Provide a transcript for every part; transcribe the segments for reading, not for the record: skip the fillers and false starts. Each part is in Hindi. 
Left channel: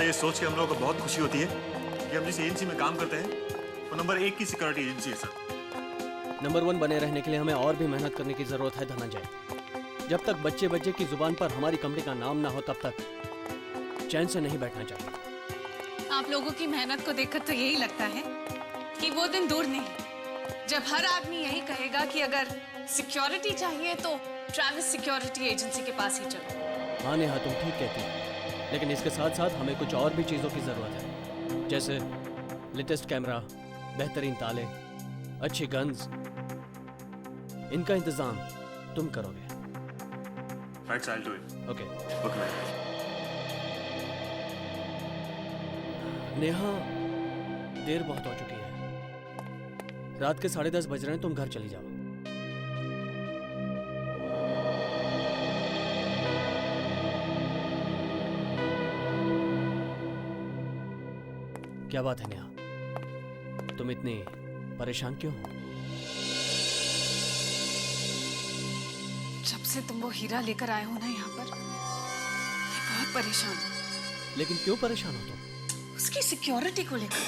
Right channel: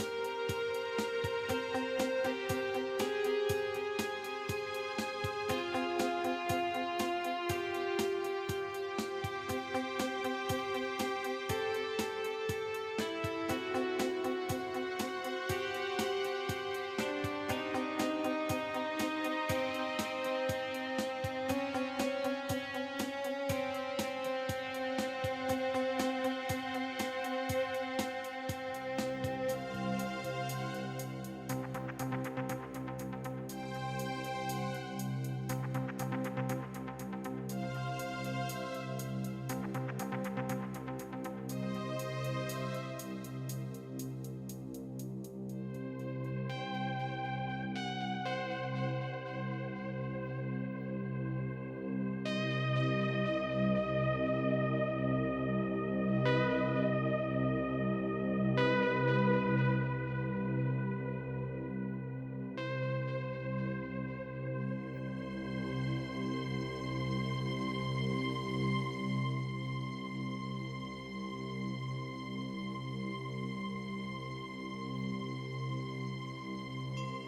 सर ये सोच के हम लोगों को बहुत खुशी होती है कि हम जिस एजेंसी में काम करते हैं वो नंबर 1 की सिक्योरिटी एजेंसी है सर। नंबर 1 बने रहने के लिए हमें और भी मेहनत करने की जरूरत है धनंजय। जब तक बच्चे की जुबान पर हमारी कंपनी का नाम ना हो तब तक चैन से नहीं बैठना चाहिए। आप लोगों की मेहनत को देखकर तो यही लगता है कि वो दिन दूर नहीं जब हर आदमी यही कहेगा कि अगर सिक्योरिटी चाहिए तो ट्रैविस सिक्योरिटी एजेंसी के पास ही चलो। हाँ नेहा तुम ठीक कहती हो, लेकिन इसके साथ साथ हमें कुछ और भी चीज़ों की ज़रूरत है, जैसे लेटेस्ट कैमरा, बेहतरीन ताले, अच्छी गन्स। इनका इंतज़ाम तुम करोगे। Right I do it. Okay. Neha देर बहुत हो चुकी है, रात के 10:30 बज रहे हैं, तुम घर चली जाओ। क्या बात है नेहा, तुम इतनी परेशान क्यों हो? जब से तुम वो हीरा लेकर आए हो ना यहाँ पर, मैं बहुत परेशान हूँ। लेकिन क्यों परेशान हो तुम? उसकी सिक्योरिटी को लेकर,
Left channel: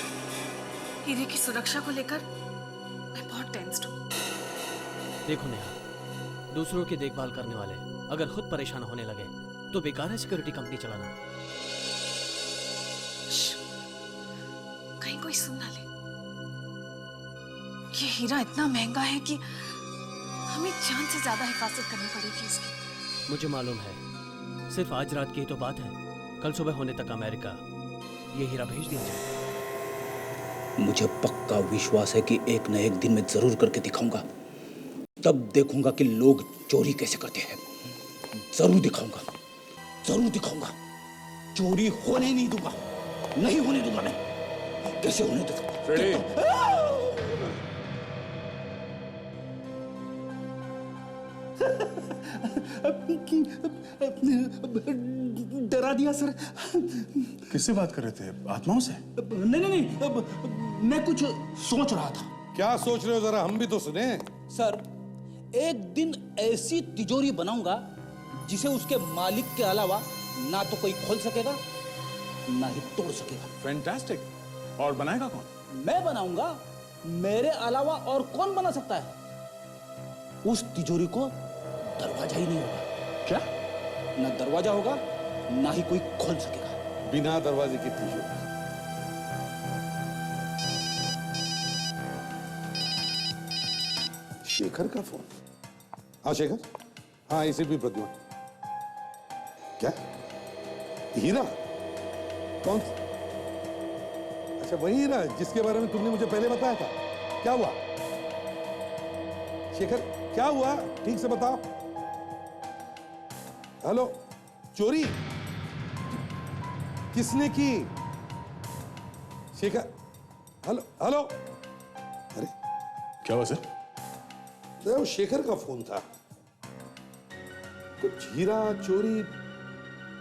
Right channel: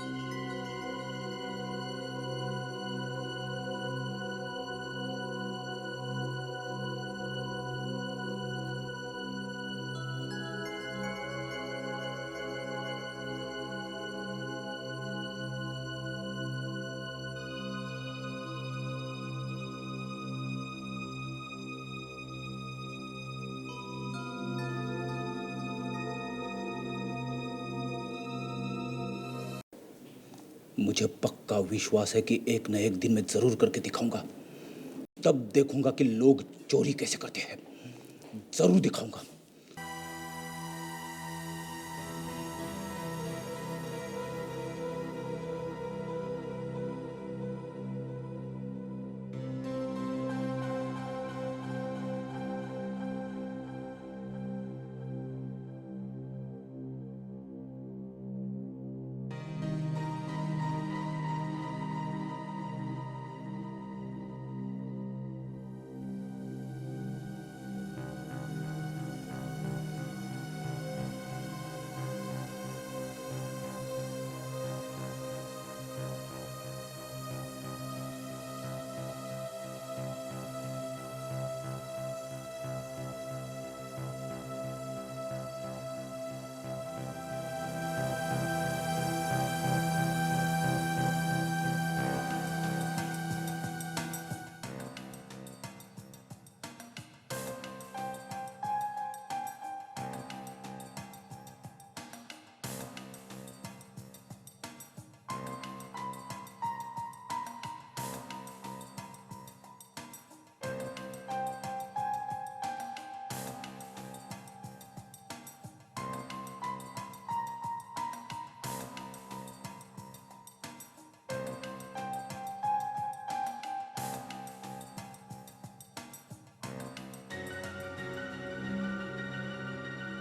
हीरे की सुरक्षा को लेकर मैं बहुत टेंस्ड हूँ। देखो नेहा, दूसरों की देखभाल करने वाले अगर खुद परेशान होने लगे तो बेकार है सिक्योरिटी कंपनी चलाना। कहीं कोई सुन ना ले। ये हीरा इतना महंगा है कि हमें जान से ज्यादा हिफाजत करनी पड़ेगी इसकी। मुझे मालूम है, सिर्फ आज रात की ही तो बात है, कल सुबह होने तक अमेरिका ये हीरा भेज दिया जाए। मुझे पक्का विश्वास है कि एक न एक दिन मैं जरूर करके दिखाऊंगा। तब देखूंगा कि लोग चोरी कैसे करते हैं। जरूर दिखाऊंगा, जरूर दिखाऊंगा। चोरी होने नहीं दूंगा, नहीं होने दूंगा मैं। कैसे होने दूंगा? डरा दिया सर। किससे बात कर रहे थे? आत्माओं से? नहीं, मैं कुछ सोच रहा था। क्या सोच रहे हो, जरा हम भी तो सुने। सर, एक दिन ऐसी तिजोरी बनाऊंगा जिसे उसके मालिक के अलावा ना तो कोई खोल सकेगा ना ही तोड़ सकेगा। फैंटास्टिक। और बनाएगा कौन? मैं बनाऊंगा, मेरे अलावा और कौन बना सकता है? उस तिजोरी को दरवाजा ही नहीं होगा। क्या? ना दरवाजा होगा ना ही कोई खोल सकेगा। बिना दरवाजे की तिजोरी। शेखर का फोन। हाँ शेखर, हाँ इसे भी बदलो। क्या? हीरा? कौन? अच्छा वही हीरा जिसके बारे में तुमने मुझे पहले बताया था। क्या हुआ शेखर, क्या हुआ? ठीक से बताओ। हेलो, चोरी किसने की? Shekhar, hello hello. अरे क्या हुआ सर? वो शेखर का फोन था। कुछ हीरा चोरी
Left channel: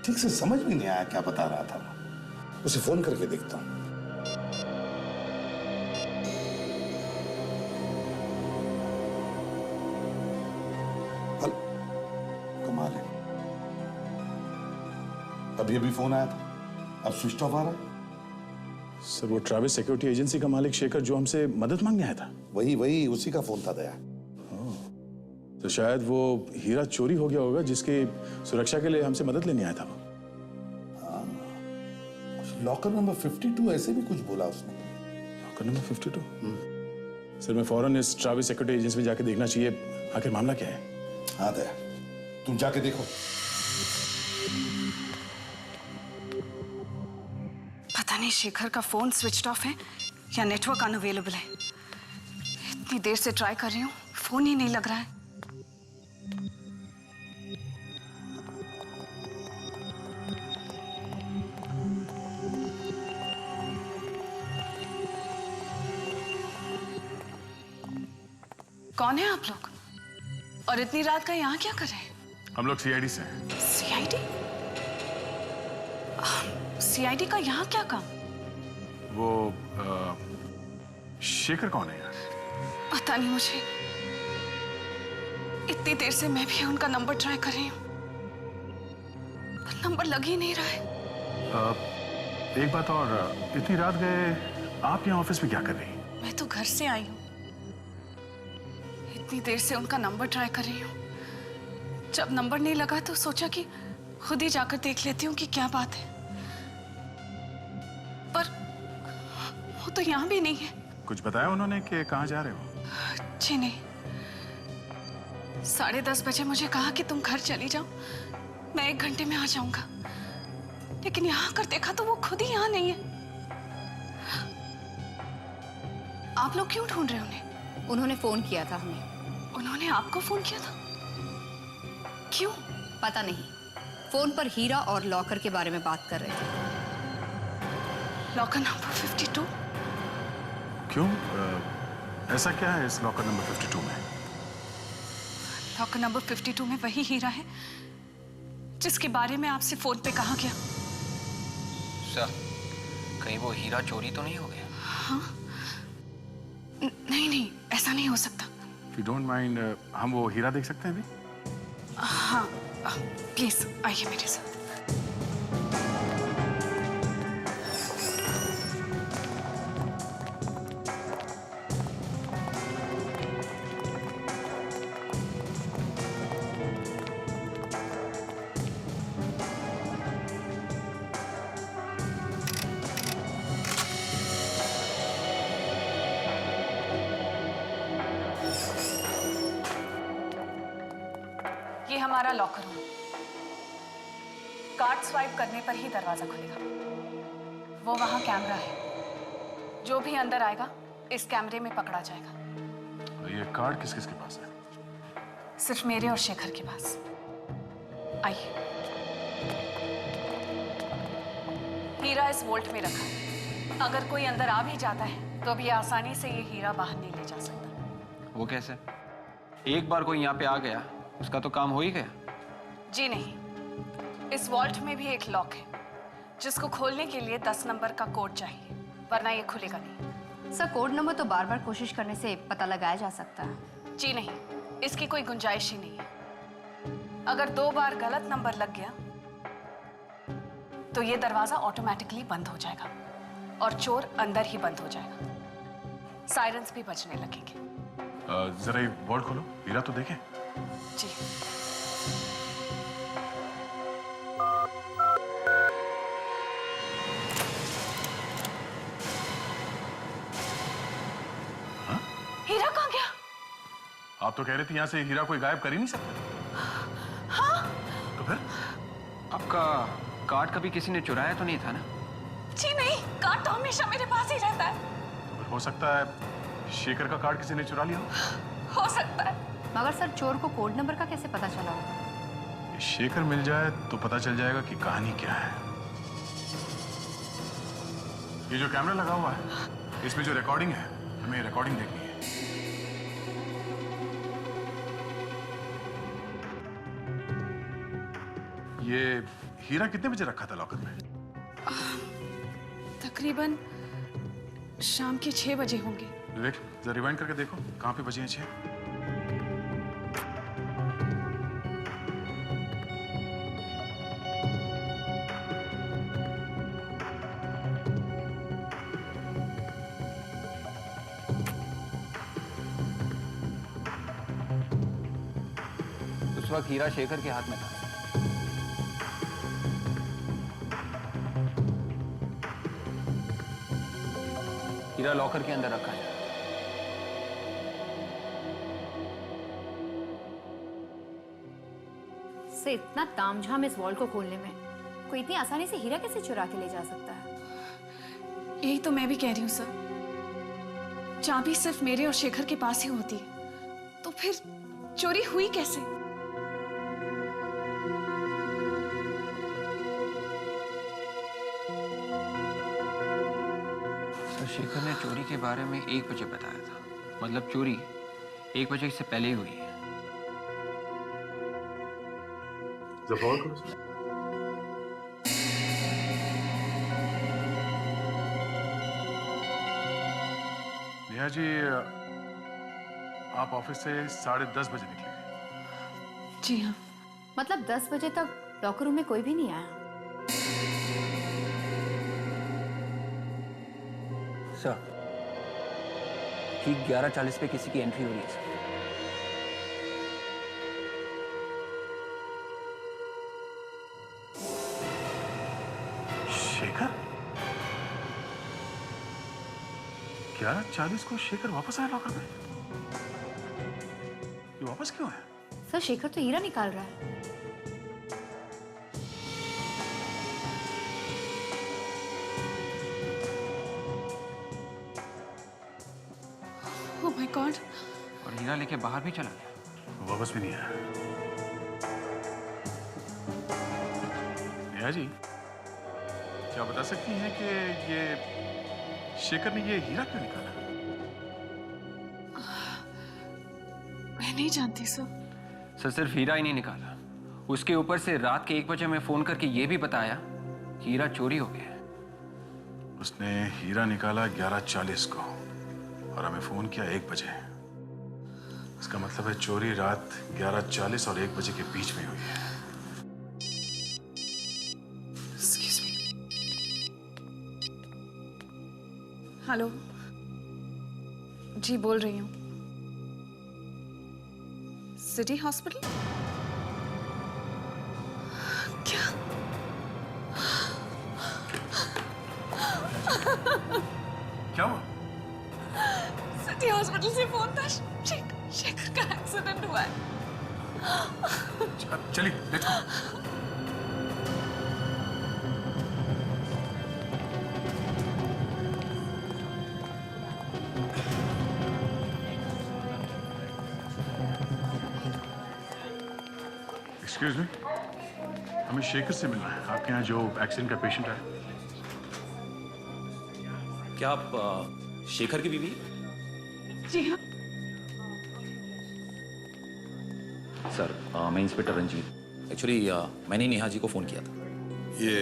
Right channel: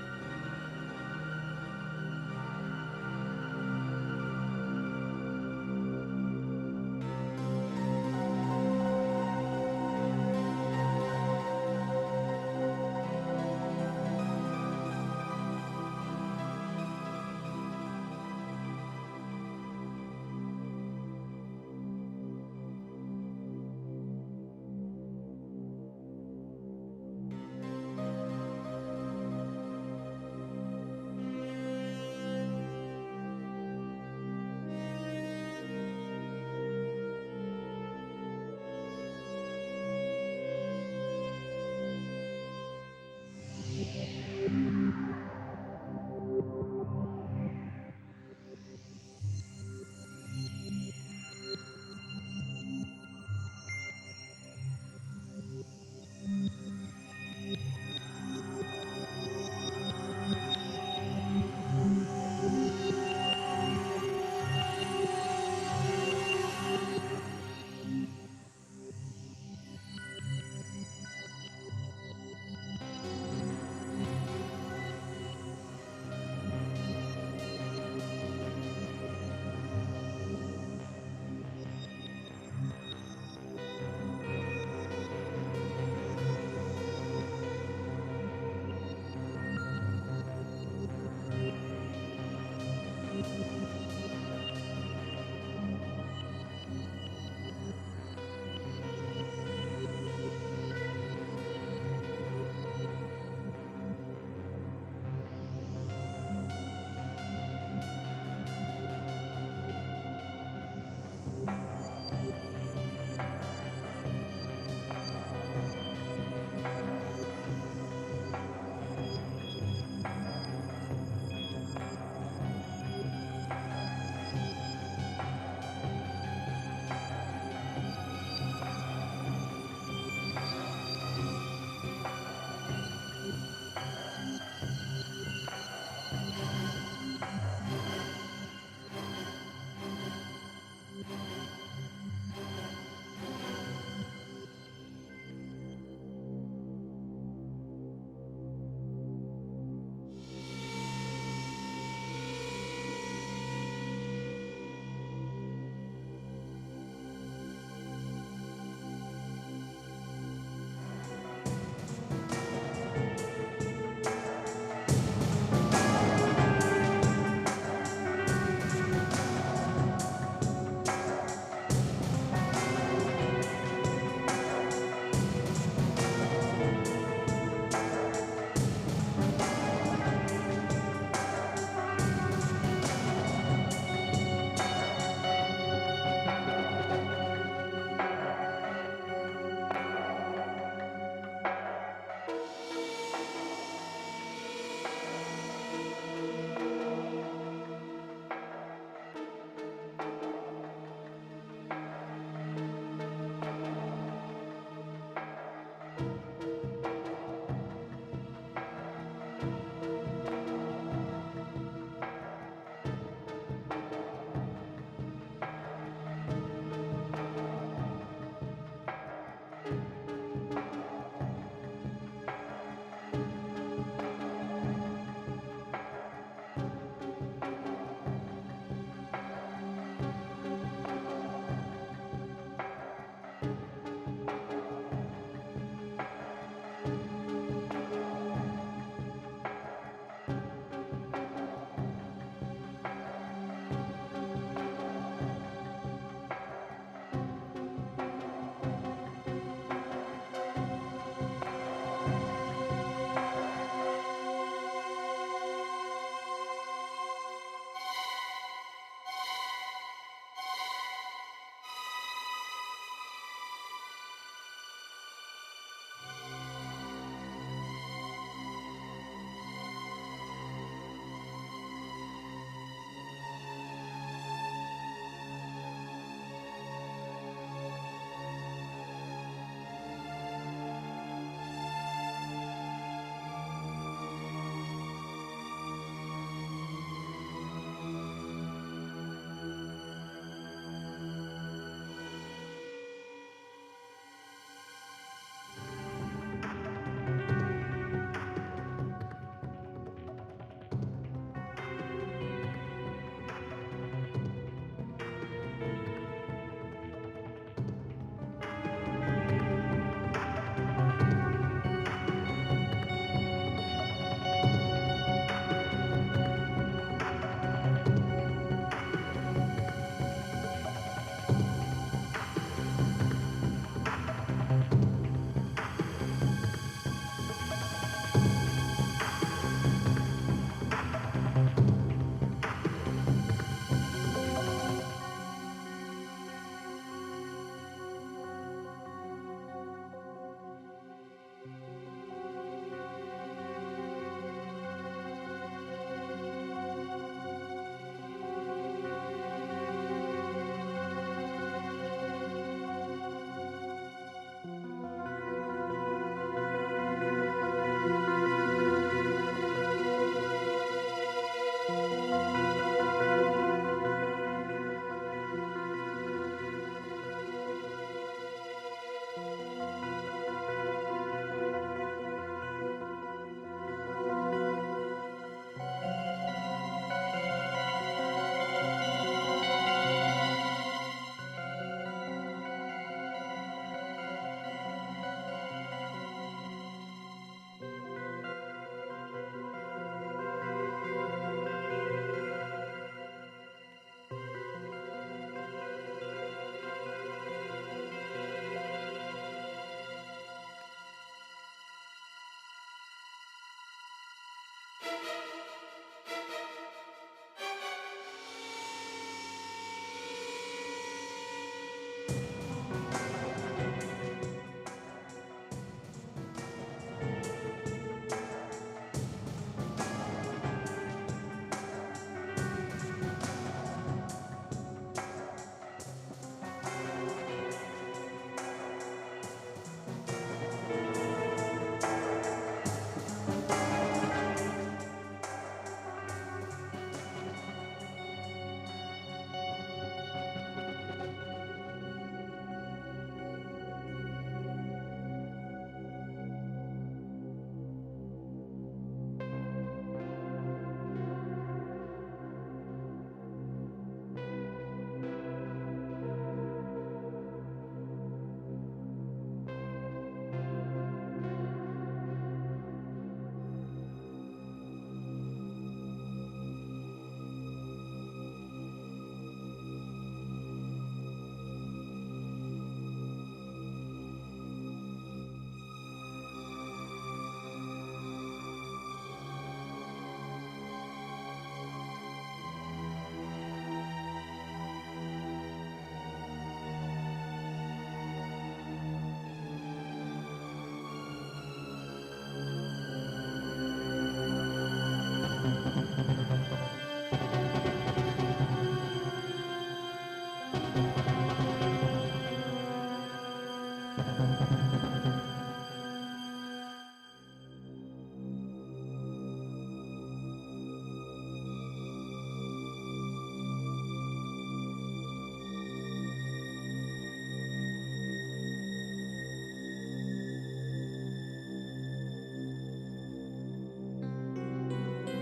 ठीक से समझ में नहीं आया क्या बता रहा था। उसे फोन करके देखता हूं। कमाल है, अभी अभी फोन आया था, अब स्विच ऑफ आ रहा। सर वो ट्रैविस सिक्योरिटी एजेंसी का मालिक शेखर जो हमसे मदद मांगने आया था। वही उसी का फोन था दया। तो शायद वो हीरा चोरी हो गया होगा जिसकी सुरक्षा के लिए हमसे मदद लेने आया था। लॉकर नंबर 52 ऐसे भी कुछ बोला उसने। Locker number 52? सर मैं फौरन इस ट्रैविस सिक्योरिटी एजेंसी में जाके देखना चाहिए, आखिर मामला क्या है। हाँ दया, तुम जाके देखो। पता नहीं शेखर का फोन स्विच्ड ऑफ है या नेटवर्क अनअवेलेबल है। इतनी देर से ट्राई कर रही हूँ, फोन ही नहीं लग रहा है। कौन है आप लोग? और इतनी रात का यहाँ क्या कर रहे हैं? हम लोग सीआईडी से हैं। सीआईडी? सीआईडी का यहाँ क्या काम? वो शेखर कौन है यार? पता नहीं मुझे। इतनी देर से मैं भी उनका नंबर ट्राई कर रही हूँ, नंबर लग ही नहीं रहा है। एक बात और, इतनी रात गए आप यहाँ ऑफिस में क्या कर रही हैं? मैं तो घर से आई हूँ। इतनी देर से उनका नंबर ट्राई कर रही हूँ। जब नंबर नहीं लगा तो सोचा कि खुद ही जाकर देख लेती हूँ कि क्या बात है। पर वो तो यहाँ भी नहीं है। कुछ बताया उन्होंने कि कहाँ जा रहे हो? जी नहीं। 10:30 बजे मुझे कहा कि तुम घर चली जाओ, मैं 1 घंटे में आ जाऊंगा। लेकिन यहाँ आकर देखा तो वो खुद ही यहाँ नहीं है। आप लोग क्यों ढूंढ रहे हो उन्हें? उन्होंने फोन किया था। उन्होंने आपको फोन किया था? क्यों? पता नहीं, फोन पर हीरा और लॉकर के बारे में बात कर रहे थे। Locker number 52? क्यों? ऐसा क्या है इस लॉकर नंबर 52 में? लॉकर नंबर 52 में वही हीरा है जिसके बारे में आपसे फोन पे कहा गया। सर, कहीं वो हीरा चोरी तो नहीं हो गया? हाँ? नहीं, ऐसा नहीं हो सकता। If you don't mind, हम वो हीरा देख सकते हैं? हाँ, प्लीज आइए मेरे साथ। ये हमारा लॉकर है। कार्ड स्वाइप करने पर ही दरवाजा खुलेगा। वो वहाँ कैमरा है। जो भी अंदर आएगा इस कैमरे में पकड़ा जाएगा। तो ये कार्ड किस किस के पास है? सिर्फ मेरे और शेखर के पास। आइए। हीरा इस वोल्ट में रखा है। अगर कोई अंदर आ भी जाता है तो भी आसानी से ये हीरा बाहर नहीं ले जा सकता। वो कैसे? एक बार कोई यहाँ पे आ गया, उसका तो काम हो ही गया। जी नहीं, इस वॉल्ट में भी एक लॉक है जिसको खोलने के लिए 10 नंबर का कोड चाहिए, वरना ये खुलेगा नहीं। सर, कोड नंबर तो बार बार कोशिश करने से पता लगाया जा सकता है। जी नहीं, इसकी कोई गुंजाइश ही नहीं है। अगर 2 बार गलत नंबर लग गया तो ये दरवाजा ऑटोमेटिकली बंद हो जाएगा और चोर अंदर ही बंद हो जाएगा। सायरन्स भी बजने लगेंगे। जरा ये बोर्ड खोलो, हीरा तो देखे। जी। हीरा कहाँ गया? आप तो कह रहे थे यहाँ से हीरा कोई गायब कर ही नहीं सकता। हाँ? तो फिर? आपका कार्ड कभी किसी ने चुराया तो नहीं था ना? जी नहीं, कार्ड तो हमेशा मेरे पास ही रहता है। हो सकता है शेखर का कार्ड किसी ने चुरा लिया। हो सकता है। मगर सर, चोर को कोड नंबर का कैसे पता चला? शेखर मिल जाए तो पता चल जाएगा कि कहानी क्या है। ये जो कैमरा लगा हुआ है, इसमें जो रिकॉर्डिंग है, हमें रिकॉर्डिंग देखनी है। ये हीरा कितने बजे रखा था लॉकर में? तकरीबन शाम के 6 बजे होंगे। देख, जरा रिवाइंड करके देखो कहाँ पे बजे हैं 6। उस वक्त हीरा शेखर के हाथ में था। हीरा लॉकर के अंदर रखा है। से इतना तामझाम इस वॉल को खोलने में, कोई इतनी आसानी से हीरा कैसे चुरा के ले जा सकता है? यही तो मैं भी कह रही हूँ सर। चाबी सिर्फ मेरे और शेखर के पास ही होती है, तो फिर चोरी हुई कैसे? तो शेखर ने चोरी के बारे में 1 बजे बताया था। मतलब चोरी 1 बजे से पहले हुई है। नेहा जी, आप ऑफिस से 10:30 बजे निकले। जी हाँ। मतलब 10 बजे तक लॉकर रूम में कोई भी नहीं आया? सर, ठीक 11:40 पे किसी की एंट्री हुई है सर। शेखर 11:40 को शेखर वापस आया लॉकर में। ये वापस क्यों आया? सर शेखर तो हीरा निकाल रहा है। Oh my God! और हीरा लेके बाहर भी चला गया। वापस भी नहीं आया। नेहा जी, क्या बता सकती हैं कि ये शेखर ने ये हीरा क्यों निकाला? मैं नहीं जानती सर। सर सिर्फ हीरा ही नहीं निकाला, उसके ऊपर से रात के 1 बजे में फोन करके ये भी बताया कि हीरा चोरी हो गया है। उसने हीरा निकाला 11:40 को और हमें फोन किया 1 बजे। इसका मतलब है चोरी रात 11:40 और 1 बजे के बीच में हुई है। Excuse me. हेलो जी, बोल रही हूँ। City hospital? क्या? क्या हुआ? सिटी हॉस्पिटल से फोन था। शेखर का एक्सीडेंट हुआ है। चलिए, लेट्स गो। एक्सक्यूज मी, हमें शेखर से मिलना है। आपके यहाँ जो एक्सीडेंट का पेशेंट है। क्या आप शेखर की बीवी? जी हाँ। सर मैं इंस्पेक्टर रंजीत। एक्चुअली मैंने नेहा जी को फोन किया था। ये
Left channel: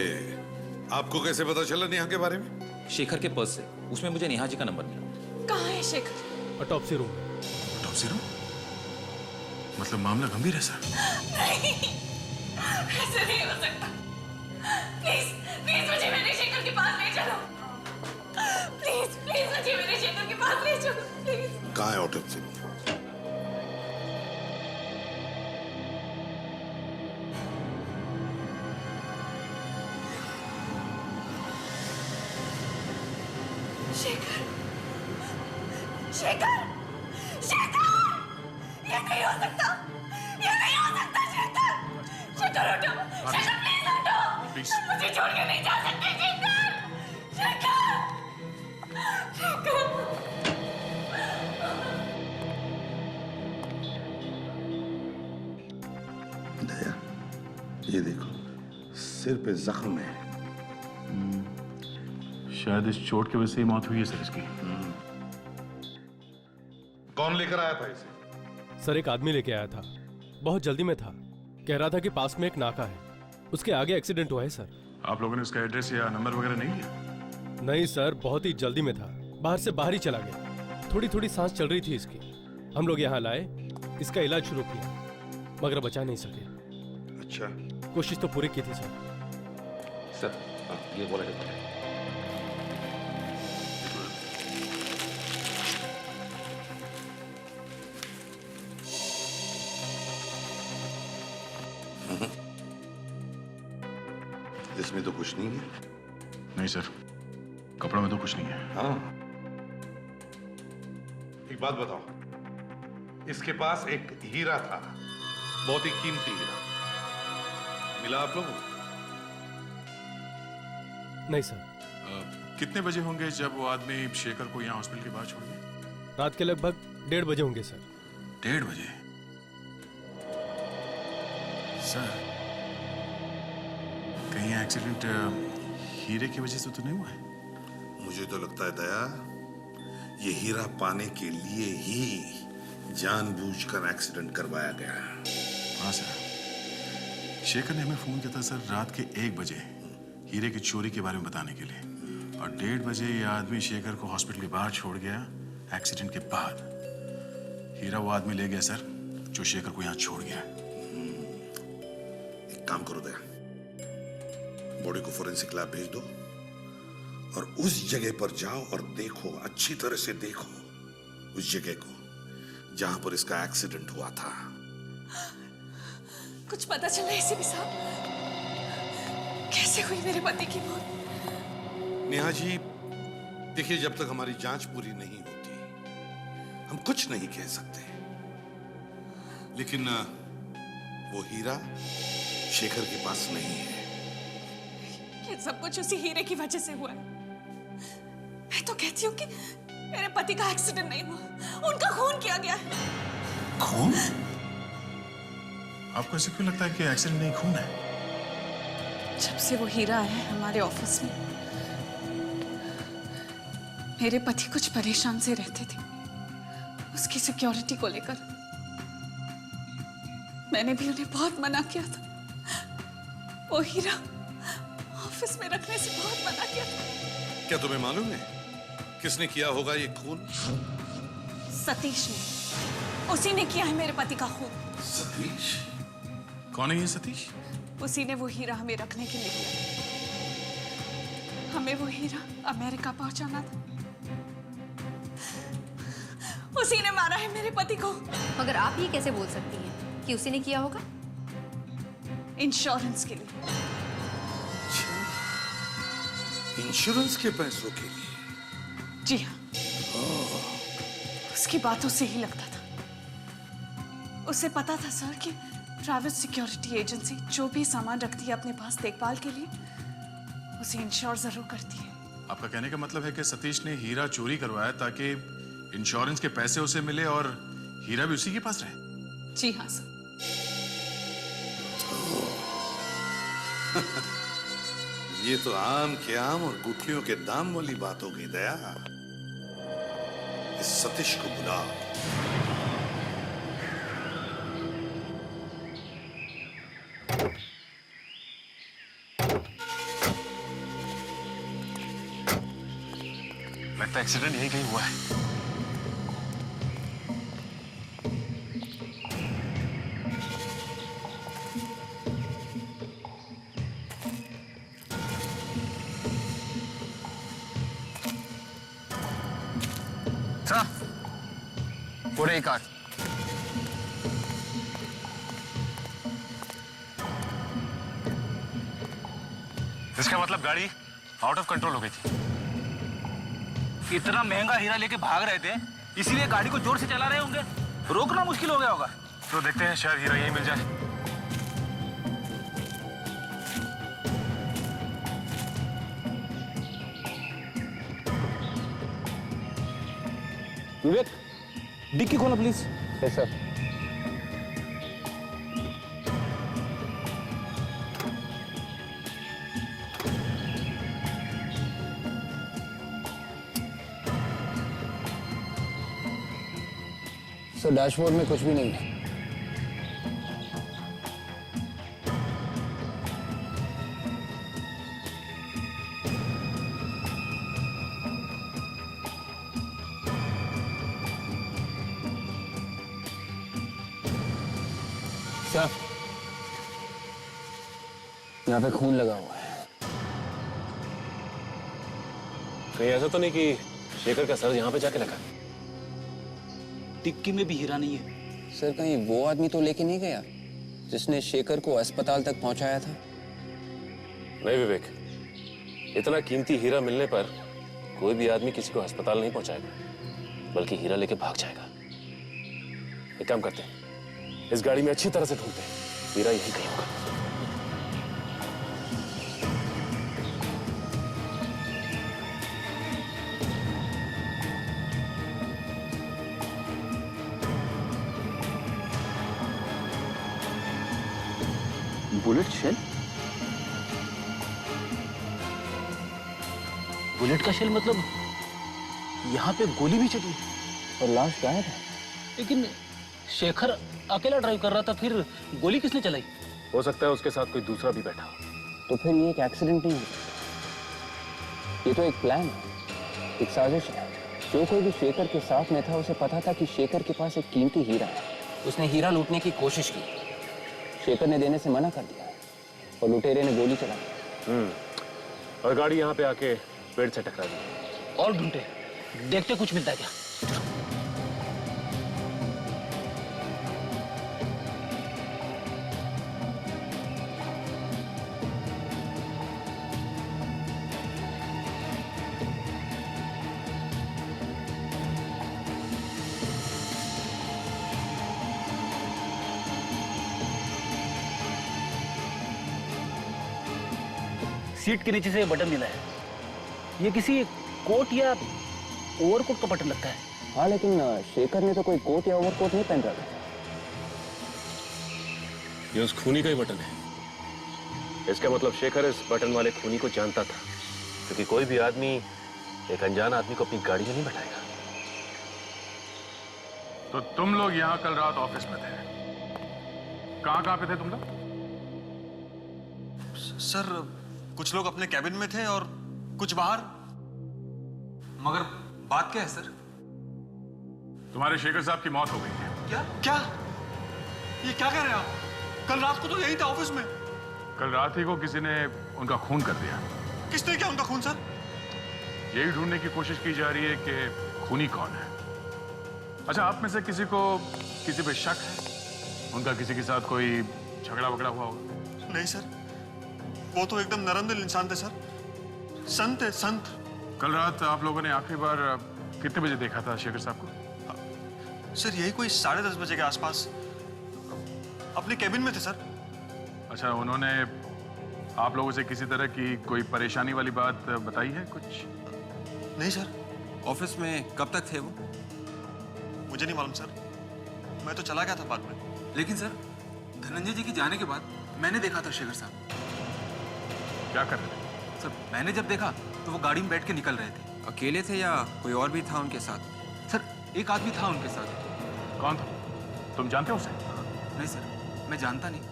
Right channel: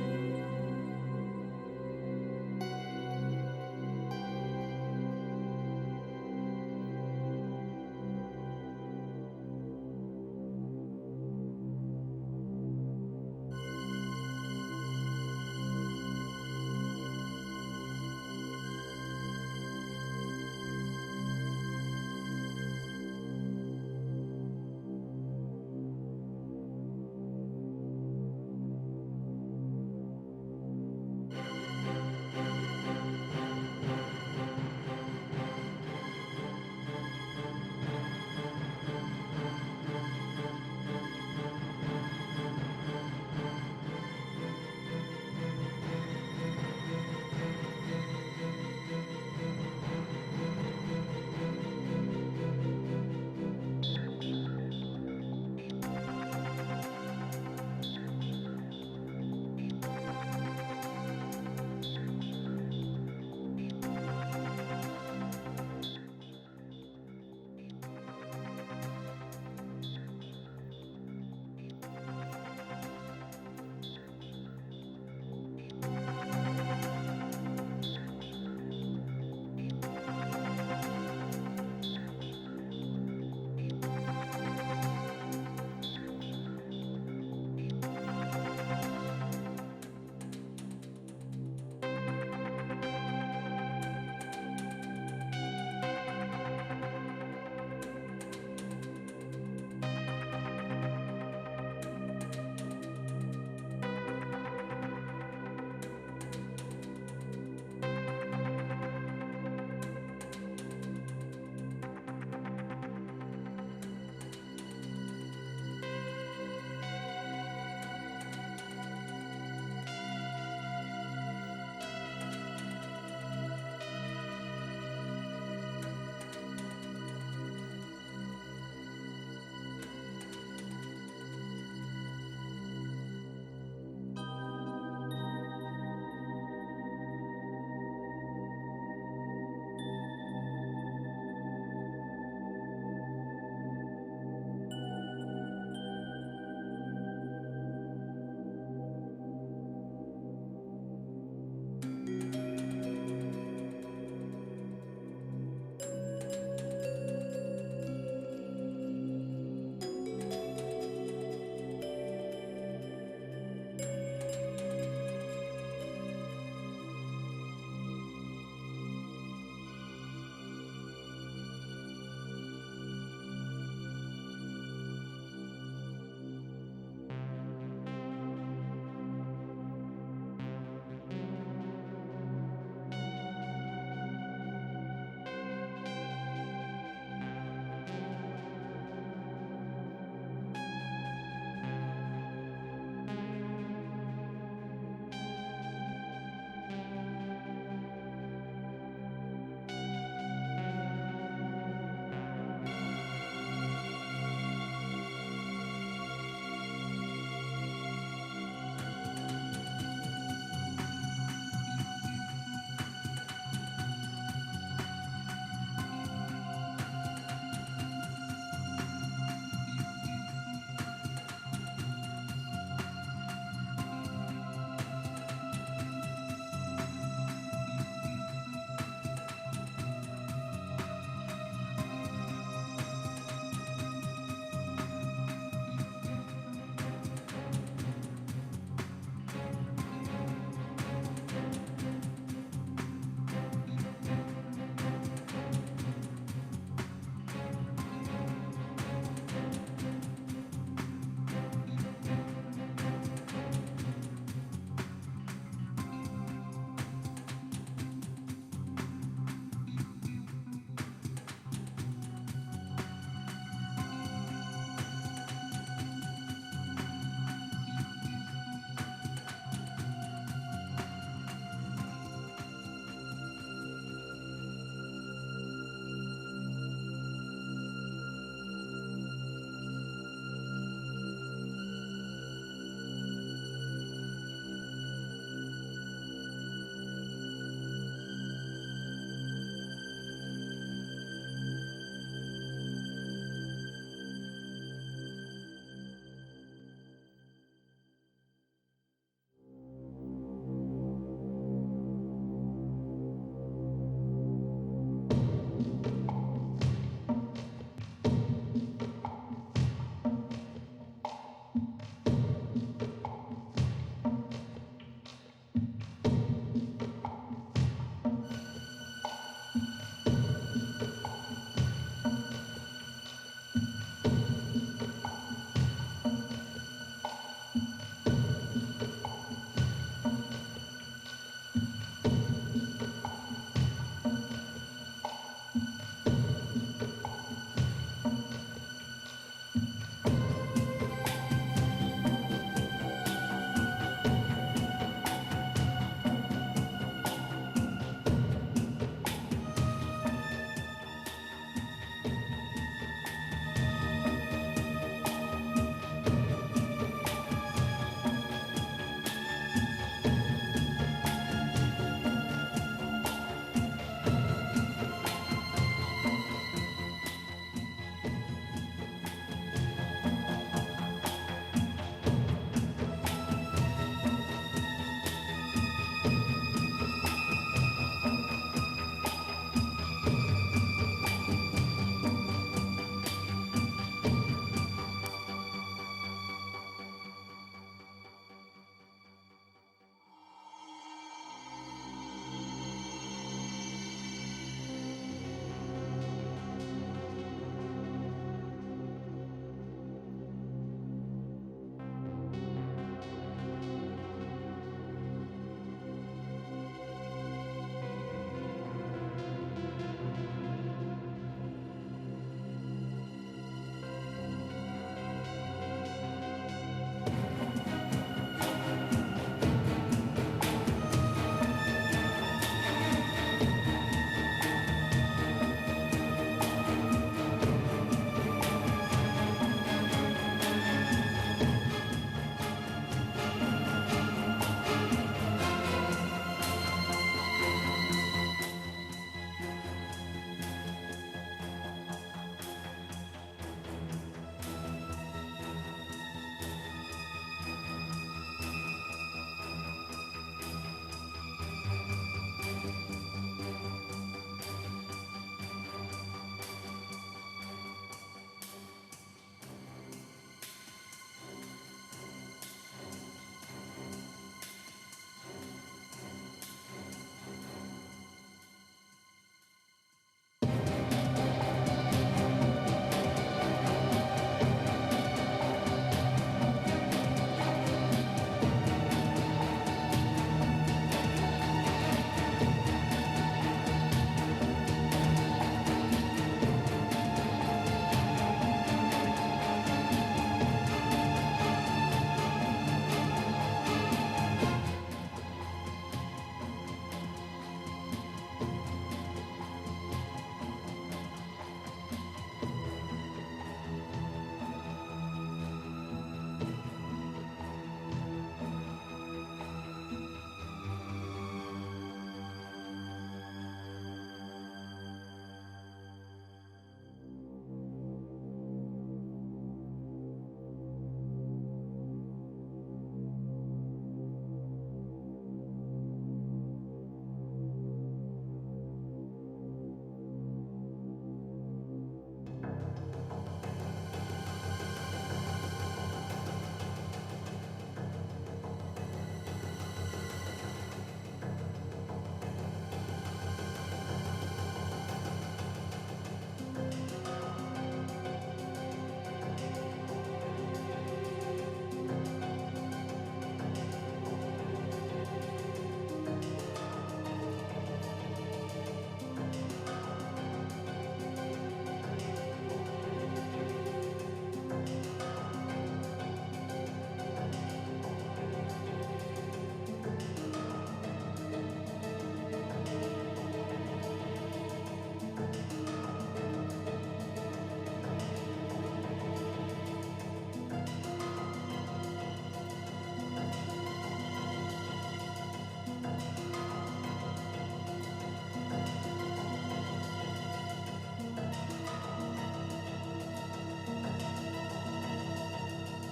आपको कैसे पता चला नेहा के बारे में? शेखर के पर्स से, उसमें मुझे नेहा जी का नंबर मिला। कहाँ है Shekhar? Autopsy room. Autopsy room? मतलब मामला गंभीर है सर। नहीं, ऐसे नहीं हो सकता। प्लीज प्लीज मुझे मेरे शेखर के पास ले चलो। प्लीज प्लीज मुझे मेरे शेखर के पास ले चलो प्लीज। कहाँ है ऑटोप्सी? शेखर शेखर शेखर, ये नहीं हो सकता, ये नहीं हो सकता। शेखर शेखर उठो, शेखर प्लीज उठो, मुझे छोड़ के नहीं जा सकते। शेखर शेखर शेखर। दया, ये देखो, सिर पे जख्म है। शायद इस चोट की वजह से ही मौत हुई है सर इसकी। कौन लेकर आया था इसे? सर एक आदमी लेके आया था, बहुत जल्दी में था। कह रहा था कि पास में एक नाका है, उसके आगे एक्सीडेंट हुआ है सर। आप लोगों ने उसका एड्रेस या नंबर वगैरह नहीं दिया? नहीं सर, बहुत ही जल्दी में था, बाहर से बाहर ही चला गया। थोड़ी थोड़ी सांस चल रही थी इसकी। हम लोग यहाँ लाए, इसका इलाज शुरू किया, मगर बचा नहीं सके। अच्छा, कोशिश तो पूरी की थी सर। सर ये बोला जाता है। इसमें तो कुछ नहीं है। नहीं सर, कपड़ों में तो कुछ नहीं है। हाँ, एक बात बताओ, इसके पास एक हीरा था, बहुत ही कीमती हीरा, मिला आप लोगों को? नहीं सर। कितने बजे होंगे जब वो आदमी शेखर को यहाँ हॉस्पिटल के बाहर छोड़ गया? रात के लगभग 1:30 बजे होंगे सर। 1:30 बजे? सर कहीं एक्सीडेंट हीरे की वजह से तो नहीं हुआ है? मुझे तो लगता है दया, ये हीरा पाने के लिए ही जानबूझकर एक्सीडेंट करवाया गया। हाँ सर, शेखर ने हमें फोन किया था सर रात के 1 बजे हीरे की चोरी के बारे में बताने के लिए, और 1:30 बजे ये आदमी शेखर को हॉस्पिटल के बाहर छोड़ गया एक्सीडेंट के बाद। हीरा वो आदमी ले गया सर जो शेखर को यहाँ छोड़ गया। एक काम करो दया, बॉडी को फोरेंसिक लैब भेज दो और उस जगह पर जाओ और देखो, अच्छी तरह से देखो उस जगह को जहां पर इसका एक्सीडेंट हुआ था। कुछ पता चला एसीपी साहब? कैसे हुई मेरे पति की मौत? नेहा जी, देखिए, जब तक हमारी जांच पूरी नहीं होती हम कुछ नहीं कह सकते, लेकिन वो हीरा शेखर के पास नहीं है। ये सब कुछ उसी हीरे की वजह से हुआ है। मैं तो कहती हूँ कि मेरे पति का एक्सीडेंट नहीं हुआ, उनका खून किया गया है। खून? आपको ऐसे क्यों लगता है कि एक्सीडेंट नहीं, खून है? जब से वो हीरा आया है हमारे ऑफिस में, मेरे पति कुछ परेशान से रहते थे उसकी सिक्योरिटी को लेकर। मैंने भी उन्हें बहुत मना किया था, वो हीरा ऑफिस में रखने से बहुत मना किया था। क्या तुम्हें मालूम है किसने किया होगा ये खून? सतीश ने, उसी ने किया है मेरे पति का खून। सतीश? कौन है ये सतीश? उसी ने वो हीरा हमें रखने के लिए दिया। हमें वो हीरा अमेरिका पहुंचाना था, उसी ने मारा है मेरे पति को। मगर आप ये कैसे बोल सकती हैं कि उसी ने किया होगा? इंश्योरेंस के लिए। इंश्योरेंस के पैसों के लिए? जी हाँ, उसकी बातों से ही लगता था। उसे पता था सर कि प्राइवेट सिक्योरिटी एजेंसी जो भी सामान रखती है अपने पास देखभाल के लिए, उसे इंश्योर जरूर करती है। आपका कहने का मतलब है कि सतीश ने हीरा चोरी करवाया ताकि इंश्योरेंस के पैसे उसे मिले और हीरा भी उसी के पास रहे? जी हाँ सर। ये तो आम के आम और गुठलियों के दाम वाली बातों की दया। इस सतीश को बुलाओ। लगता है एक्सीडेंट यही कहीं हुआ है। पूरे ही काट। इसका मतलब गाड़ी आउट ऑफ कंट्रोल हो गई थी। इतना महंगा हीरा लेके भाग रहे थे, इसीलिए गाड़ी को जोर से चला रहे होंगे। रोकना मुश्किल हो गया होगा। तो देखते हैं, शायद हीरा यही मिल जाए। विवेक, डिक्की खोलो please. Yes sir. Sir, dashboard में कुछ भी नहीं है। सर, यहाँ पे खून लगा हुआ है। कहीं ऐसा तो नहीं कि शेखर का सर यहाँ पे जाके लगा? डिक्की में भी हीरा नहीं है। सर, कहीं वो आदमी तो लेके नहीं गया जिसने शेखर को अस्पताल तक पहुंचाया था? नहीं विवेक, इतना कीमती हीरा मिलने पर कोई भी आदमी किसी को अस्पताल नहीं पहुंचाएगा, बल्कि हीरा लेके भाग जाएगा। एक काम करते हैं, इस गाड़ी में अच्छी तरह से ढूंढते हैं, हीरा यही कहीं होगा। Bullet shell? बुलेट का शेल मतलब यहाँ पे गोली भी चली? और लाश गायब है। लेकिन शेखर अकेला ड्राइव कर रहा था, फिर गोली किसने चलाई? हो सकता है उसके साथ कोई दूसरा भी बैठा हो। तो फिर ये एक एक्सीडेंट नहीं है, ये तो एक प्लान है, एक साजिश है। जो कोई भी शेखर के साथ में था उसे पता था कि शेखर के पास एक कीमती हीरा है। उसने हीरा लूटने की कोशिश की, शेखर ने देने से मना कर दिया और लुटेरे ने गोली चलाई। और गाड़ी यहाँ पे आके पेड़ से टकरा दी। और ढूंढते, देखते कुछ मिलता है क्या। सीट के नीचे से बटन मिला है। ये किसी कोट या ओवरकोट का बटन लगता है। हाँ, लेकिन शेखर ने तो कोई कोट या ओवरकोट नहीं पहन रखा। ये उस खूनी का ही बटन है। इसका मतलब शेखर इस बटन वाले खूनी को जानता था, क्योंकि कोई भी आदमी एक अनजान आदमी को अपनी गाड़ी में नहीं बैठाएगा। तो तुम लोग यहाँ कल रात ऑफिस में थे, कहाँ पे थे तुम लोग? सर, कुछ लोग अपने कैबिन में थे और कुछ बाहर। मगर बात क्या है सर? तुम्हारे शेखर साहब की मौत हो गई है। क्या क्या ये क्या कह रहे हो आप? कल रात को तो यही था ऑफिस में। कल रात ही को किसी ने उनका खून कर दिया। किसने किया उनका खून सर? यही ढूंढने की कोशिश की जा रही है कि खूनी कौन है। अच्छा, आप में से किसी को किसी पे शक है? उनका किसी के साथ कोई झगड़ा वगड़ा हुआ हो? नहीं सर, वो तो एकदम नरम दिल इंसान थे सर। संत है, संत। कल रात आप लोगों ने आखिरी बार कितने बजे देखा था शेखर साहब को? सर यही कोई 10:30 बजे के आसपास अपने कैबिन में थे सर। अच्छा, उन्होंने आप लोगों से किसी तरह की कोई परेशानी वाली बात बताई है कुछ? नहीं सर। ऑफिस में कब तक थे वो? मुझे नहीं मालूम सर, मैं तो चला गया था बाद में। लेकिन सर, धनंजय जी के जाने के बाद मैंने देखा था शेखर साहब। क्या कर रहे? सर, मैंने जब देखा तो वो गाड़ी में बैठ के निकल रहे थे। अकेले थे या कोई और भी था उनके साथ? सर, एक आदमी था उनके साथ। कौन? तुम जानते हो उसे? नहीं सर, मैं जानता नहीं,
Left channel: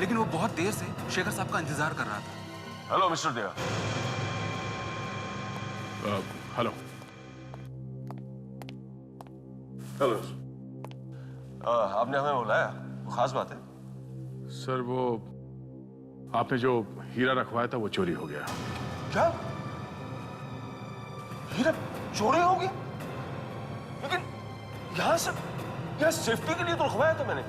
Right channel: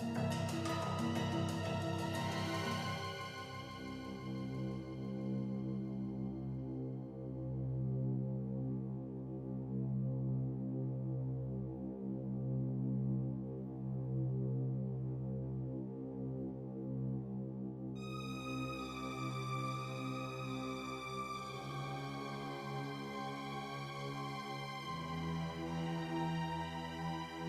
लेकिन वो बहुत देर से शेखर साहब का इंतजार कर रहा था। हेलो मिस्टर देवा। Hello hello. आपने हमें बुलाया, खास बात है? सर, वो आपने जो हीरा रखवाया था वो चोरी हो गया। क्या? हीरा चोरी हो गया? लेकिन यहाँ सेफ्टी के लिए तो रखवाया था मैंने।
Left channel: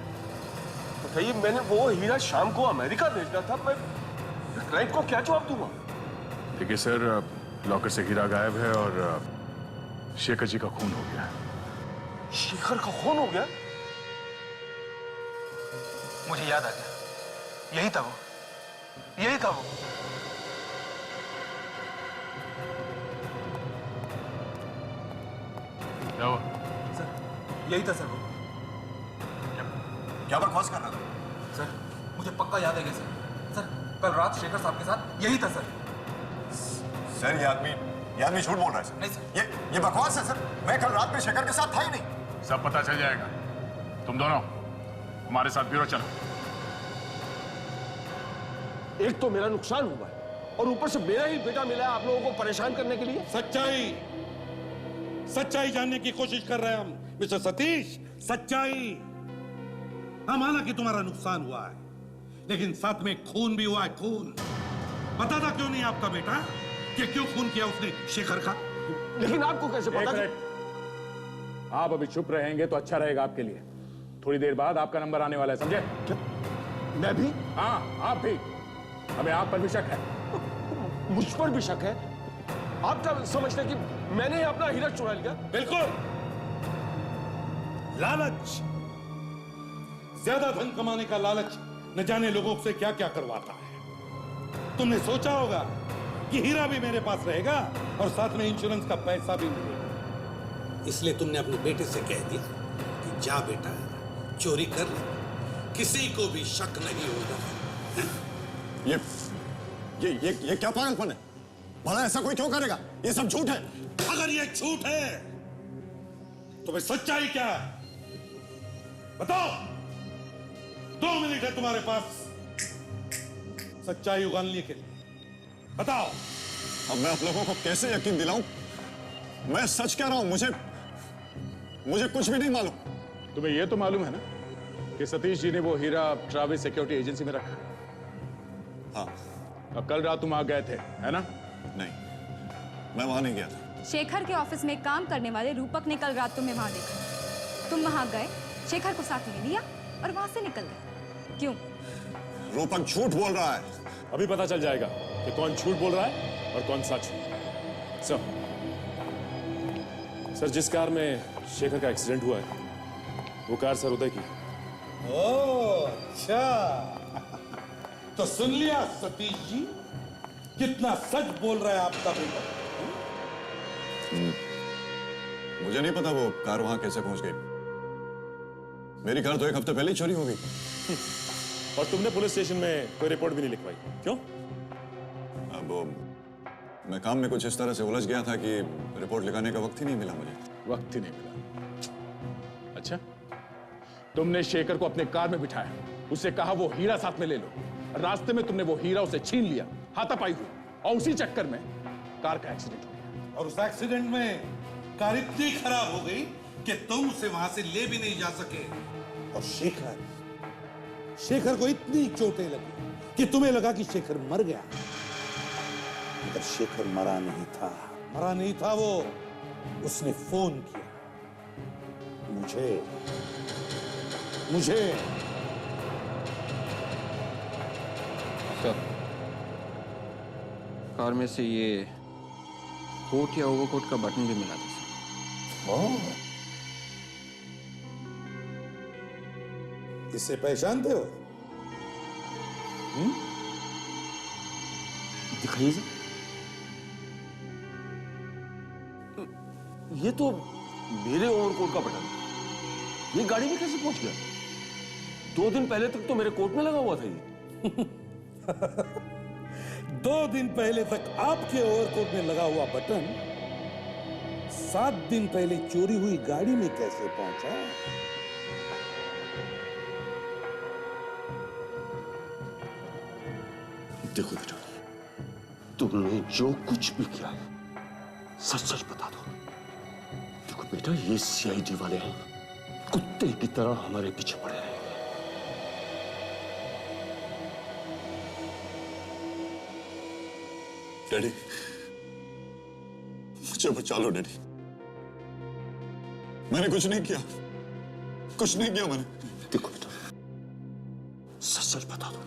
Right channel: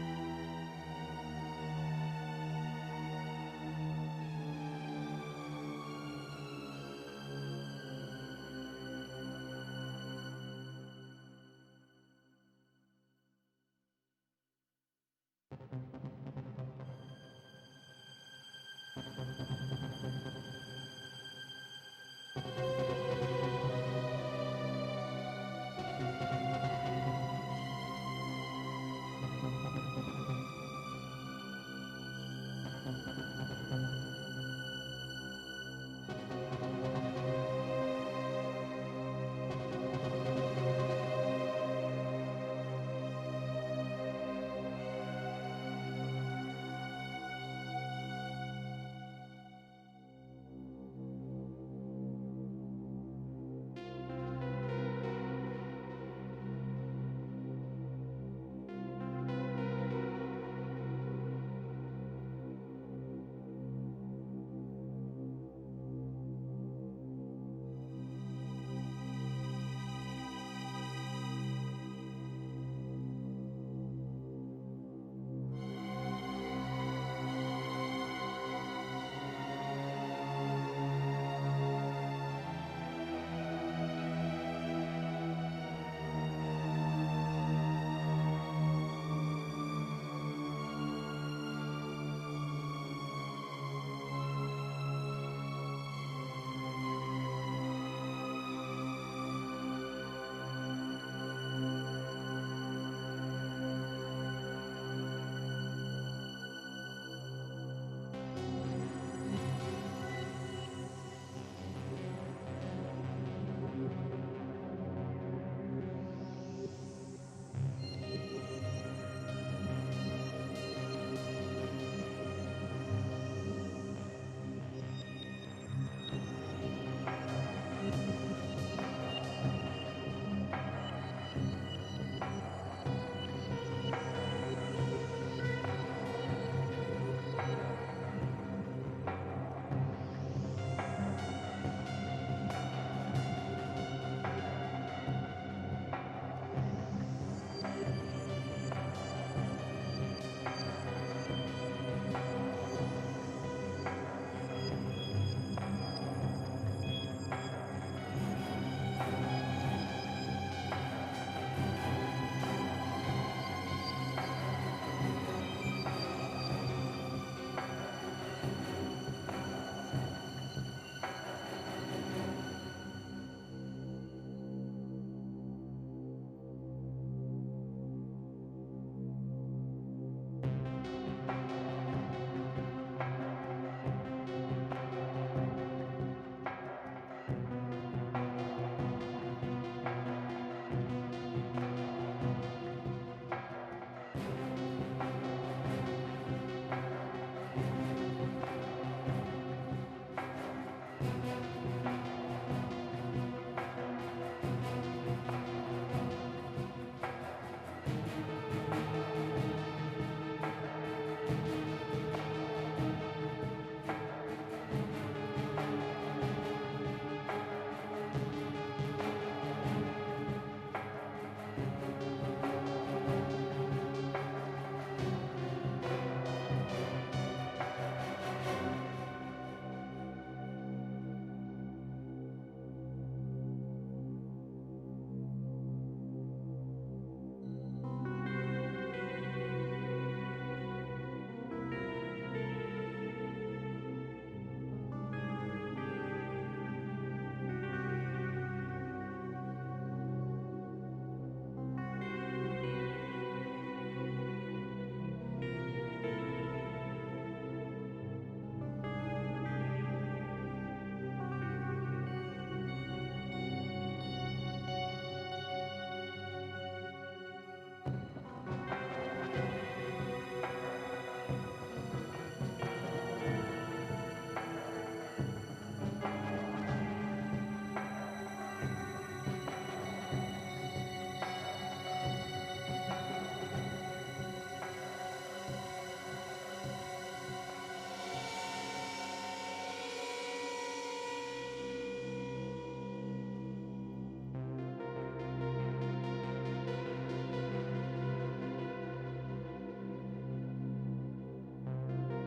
बताइए, मैंने वो हीरा शाम को अमेरिका भेजना था, मैं क्लाइंट को क्या जवाब दूंगा? देखिए सर, लॉकर से हीरा गायब है और शेखर जी का खून हो गया। शेखर का खून हो गया? मुझे याद आ गया, यही था वो, यही था वो। क्या हुआ? सर, यही था सर। क्या बकवास कर रहा था? सर, मुझे पक्का याद है सर। सर, कल रात शेखर साहब के साथ यही था सर। सर, ये आदमी झूठ बोल रहा है सर। नहीं सर, ये बकवास है सर। मैं कल रात में शेखर के साथ था ही नहीं। सब पता चल जाएगा। तुम दोनों हमारे साथ ब्यूरो चलो। एक तो मेरा नुकसान हुआ है और ऊपर से मेरा ही बेटा मिला है आप लोगों को परेशान करने के लिए। सच्चाई जानने की कोशिश कर रहे हैं हम मिस्टर सतीश। सच्चाई। हाँ, माना कि तुम्हारा नुकसान हुआ है, लेकिन साथ में खून भी हुआ है। खून पता था क्यों नहीं आपका बेटा कि क्यों खून किया उसने शेखर का? लेकिन आपको कैसे पता? आप अभी चुप रहेंगे तो अच्छा रहेगा आपके लिए। थोड़ी देर बाद आपका नंबर आने वाला है, समझे? मैं भी? हाँ, आप भी। हमें आप पर भी शक है। मुझ पर भी शक है? आप क्या समझते हैं कि मैंने अपना हीरा चुरा लिया? बिल्कुल। लालच, ज्यादा धन कमाने का लालच न जाने लोगों से क्या क्या करवाता है। तुमने सोचा होगा कि हीरा भी मेरे पास रहेगा और साथ में इंश्योरेंस का पैसा भी मिलेगा, इसलिए तुमने अपने बेटे से कह दिया कि जा बेटा, चोरी कर, किसी को भी शक नहीं होगा। ये क्या पागलपन है? भला ऐसा कोई क्यों करेगा? ये सब झूठ है। अगर ये झूठ है तो भाई सच्चाई क्या है? बताओ। 2 मिनट है तुम्हारे पास सच्चाई उगालने के लिए। बताओ। अब मैं आप लोगों को कैसे यकीन दिलाऊं? मैं सच कह रहा हूं। मुझे कुछ भी नहीं मालूम। तुम्हें यह तो मालूम है कि सतीश जी ने वो हीरा ट्रैवल सिक्योरिटी एजेंसी में रखा है? हाँ। अब कल रात तुम आ गए थे, है ना? नहीं। मैं वहां नहीं गया। शेखर के ऑफिस में काम करने वाले रूपक ने कल रात तुम्हें वहां देखा। तुम वहां गए, शेखर को साथ में लिया और वहां से निकल गए। क्यों? रूपक झूठ बोल रहा है। अभी पता चल जाएगा कि कौन झूठ बोल रहा है और कौन सच। सर, जिस कार में शेखर का एक्सीडेंट हुआ है वो कार सर उदय की। ओह, अच्छा। तो सुन लिया सतीश जी, कितना सच बोल रहा है आपका बेटा। मुझे नहीं पता वो कार वहां कैसे पहुंच गई। मेरी कार तो 1 हफ्ते पहले ही चोरी हो गई। और तुमने पुलिस स्टेशन में कोई रिपोर्ट भी नहीं लिखवाई, क्यों? वो मैं काम में कुछ इस तरह से उलझ गया था कि रिपोर्ट लिखाने का वक्त ही नहीं मिला। वक्त ही नहीं मिला। अच्छा, तुमने शेखर को अपने कार में बिठाया, उससे कहा वो हीरा साथ में ले लो। रास्ते में तुमने वो हीरा उसे छीन लिया, हाथापाई हुआ, और उसी चक्कर में कार का एक्सीडेंट। और उस एक्सीडेंट में कार इतनी खराब हो गई कि तुम उसे वहां से ले भी नहीं जा सके। और शेखर को इतनी चोटें लगी कि तुम्हें लगा कि शेखर मर गया। पर शेखर मरा नहीं था वो। उसने फोन किया मुझे। कार में से ये कोट या ओवरकोट का बटन भी मिला था। इसे पहचानते हो? दिखाइए। ये तो मेरे ओवरकोट का बटन। ये गाड़ी में कैसे पहुंच गया? 2 दिन पहले तक तो मेरे कोट में लगा हुआ था ये। 2 दिन पहले तक आपके ओवरकोट में लगा हुआ बटन 7 दिन पहले चोरी हुई गाड़ी में कैसे पहुंचा? देखो बेटा, तुमने जो कुछ भी किया सच सच बता दो। देखो बेटा, ये सीआईडी वाले कुत्ते की तरह हमारे पीछे पड़े हैं। डैडी, मुझे बचा लो डैडी। मैंने कुछ नहीं किया मैंने। देखो बेटा, सच सच बता दो।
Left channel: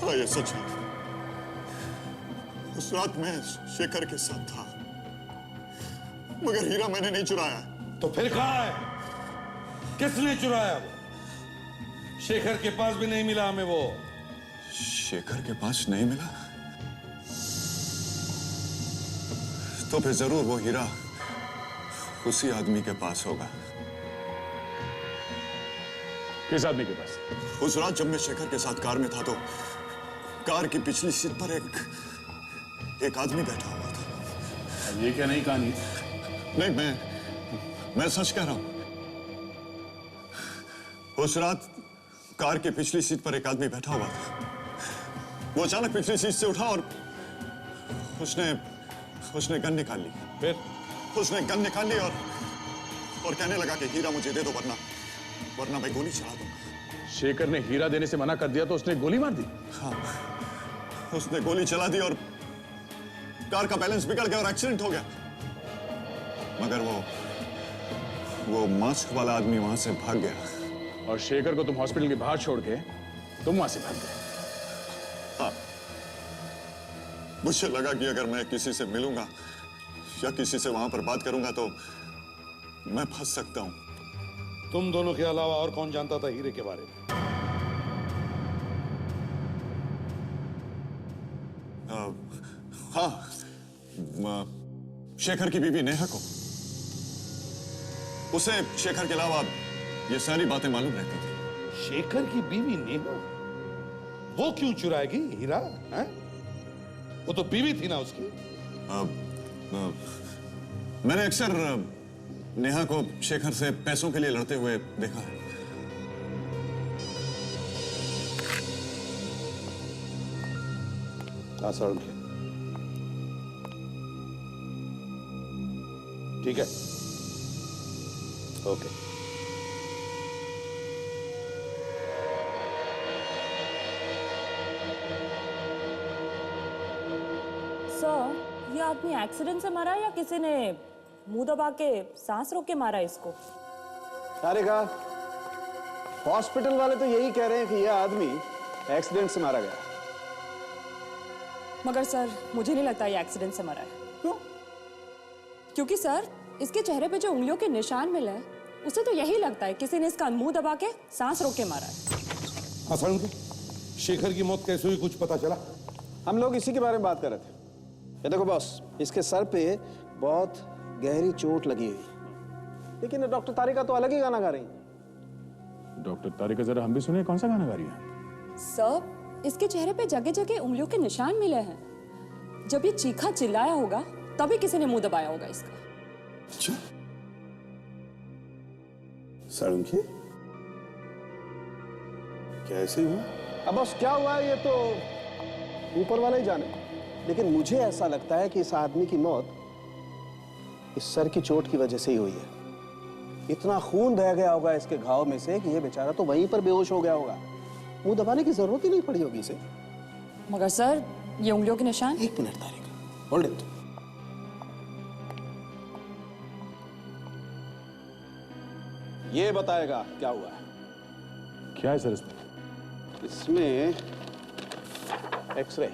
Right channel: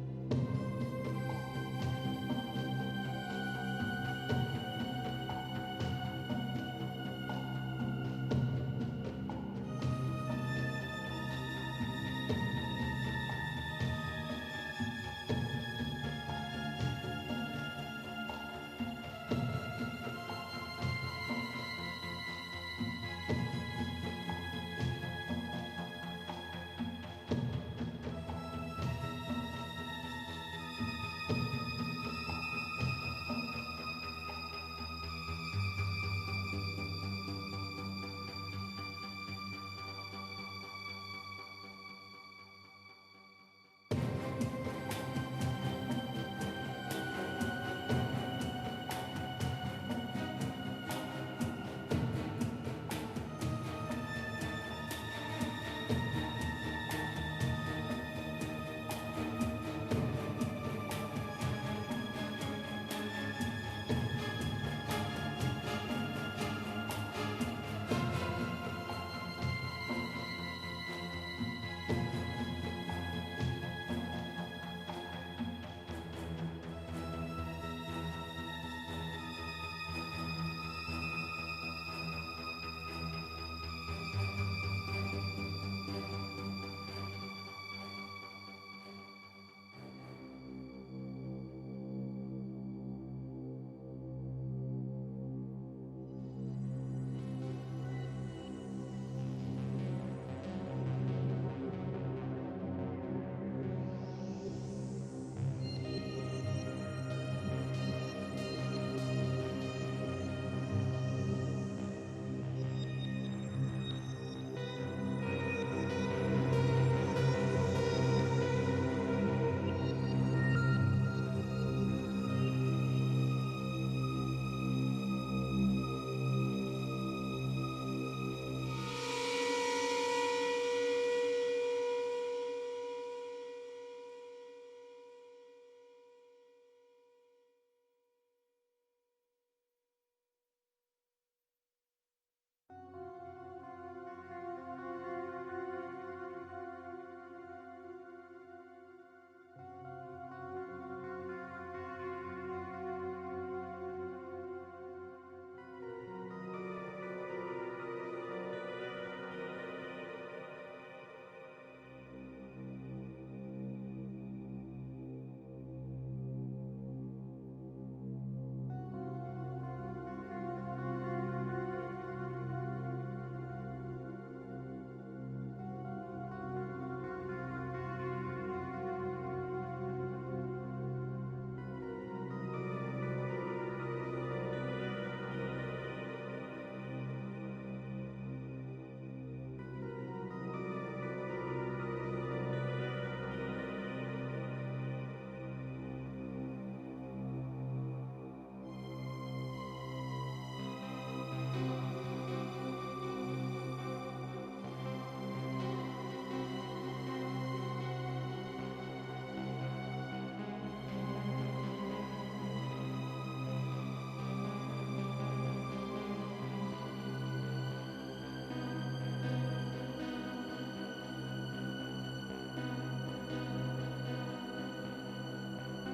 हाँ, ये सच है। उस रात मैं शेखर के साथ था, मगर हीरा मैंने नहीं चुराया। तो फिर कहाँ है? किसने चुराया? शेखर के पास भी नहीं मिला हमें वो। शेखर के पास नहीं मिला? तो फिर जरूर वो हीरा उसी आदमी के पास होगा। किस आदमी के पास? उस रात जब मैं शेखर के साथ कार में था तो कार की पिछली सीट पर एक आदमी बैठा हुआ था। ये क्या नई कहानी? नहीं, मैं सच कह रहा हूं। उस रात कार की पिछली सीट पर एक आदमी बैठा हुआ था। वो अचानक पिछली सीट से उठा और उसने गन निकाल ली। फिर उसने गन निकाल ली और कहने लगा कि हीरा मुझे दे दो, वरना मैं गोली चला दूंगा। शेखर ने हीरा देने से मना कर दिया तो उसने गोली मार दी? हाँ, उसने गोली चला दी और कार का बैलेंस बिगड़ गया और एक्सीडेंट हो गया। मगर वो मास्क वाला आदमी वहां से भाग गया। और शेखर को तुम हॉस्पिटल के बाहर छोड़ के तुम वहां से भाग गए? हाँ, मुझे लगा कि अगर मैं किसी से मिलूंगा या किसी से वहां पर बात करूंगा तो मैं फंस सकता हूं। तुम दोनों के अलावा और कौन जानता था हीरे के बारे में? हाँ, शेखर की बीवी नेहा को। उसे शेखर के अलावा ये सारी बातें मालूम रहती थी। शेखर की बीवी नेहा? वो क्यों चुराएगी हीरा? है? वो तो बीवी थी ना उसकी। मैंने अक्सर नेहा को शेखर से पैसों के लिए लड़ते हुए देखा। ठीक है, ओके। सर, ये आदमी एक्सीडेंट से मरा या किसी ने मुंह दबा के सांस रोक के मारा इसको? तारिका, हॉस्पिटल वाले तो यही कह रहे हैं कि यह आदमी एक्सीडेंट से मारा गया। मगर सर, मुझे नहीं लगता ये एक्सीडेंट से मरा है। क्यों? क्योंकि सर, इसके चेहरे पे जो उंगलियों के निशान मिले हैं, उसे तो यही लगता है किसी ने इसका मुंह दबा के सांस रोक के मारा है। हाँ सर, शेखर की मौत कैसे हुई कुछ पता चला? हम लोग इसी के बारे में बात कर रहे थे। ये देखो बॉस, इसके सर पे बहुत गहरी चोट लगी है, लेकिन डॉक्टर तारिका तो अलग ही गाना गा रही। डॉक्टर तारिका, जरा हम भी सुनिए, कौन सा गाना गा रही है? सर, इसके चेहरे पे जगह जगह उंगलियों के निशान मिले हैं। जब ये चीखा चिल्लाया होगा तभी किसी ने मुंह दबाया होगा इसका। अच्छा, सड़ुंखे कैसे हुआ? अब बॉस क्या हुआ ये तो ऊपर वाला ही जाने, लेकिन मुझे ऐसा लगता है कि इस आदमी की मौत इस सर की चोट की वजह से ही हुई है। इतना खून बह गया होगा इसके घाव में से कि ये बेचारा तो वहीं पर बेहोश हो गया होगा। मुंह दबाने की जरूरत ही नहीं पड़ी होगी इसे। मगर सर, ये उंगलियों के निशान। एक मिनट तारिका, होल्ड इट। ये बताएगा क्या हुआ। क्या है सर इसमें? एक्सरे,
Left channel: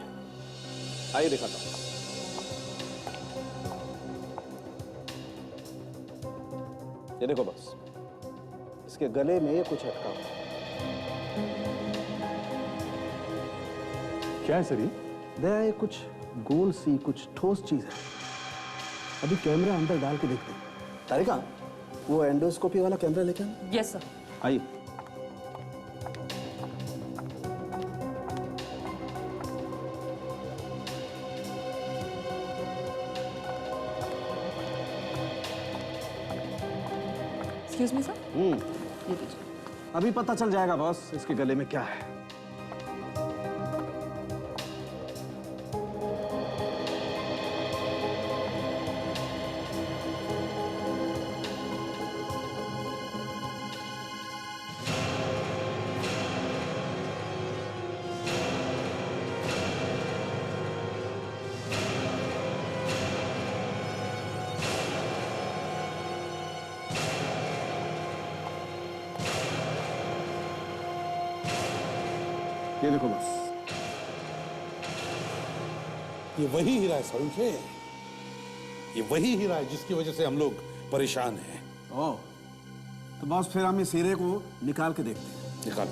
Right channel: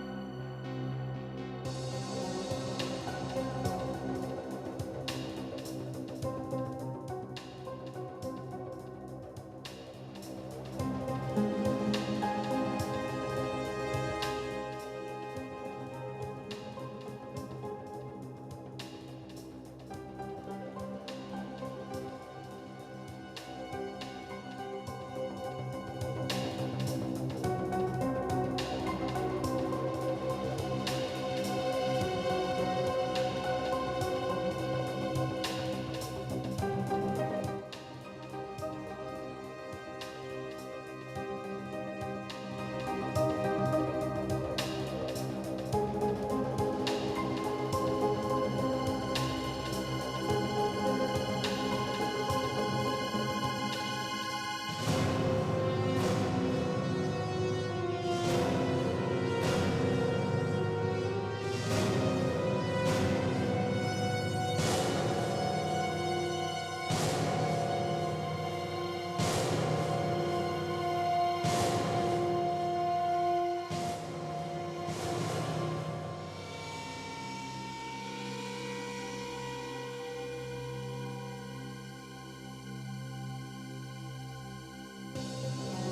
आइए दिखाता हूं। ये देखो बस, इसके गले में कुछ अटका हुआ। क्या है सर ये कुछ गोल सी कुछ ठोस चीज है। अभी कैमरा अंदर डाल के देखते हैं। तारिका, वो एंडोस्कोपी वाला कैमरा लेके आओ। Yes sir. आइए। Excuse me sir. अभी पता चल जाएगा बॉस इसके गले में क्या है। ये वही हीरा है सरूखे, ये वही हीरा है जिसकी वजह से हम लोग परेशान हैं। ओह, तो बॉस फिर हम इस हीरे को निकाल के देखते हैं। निकाल।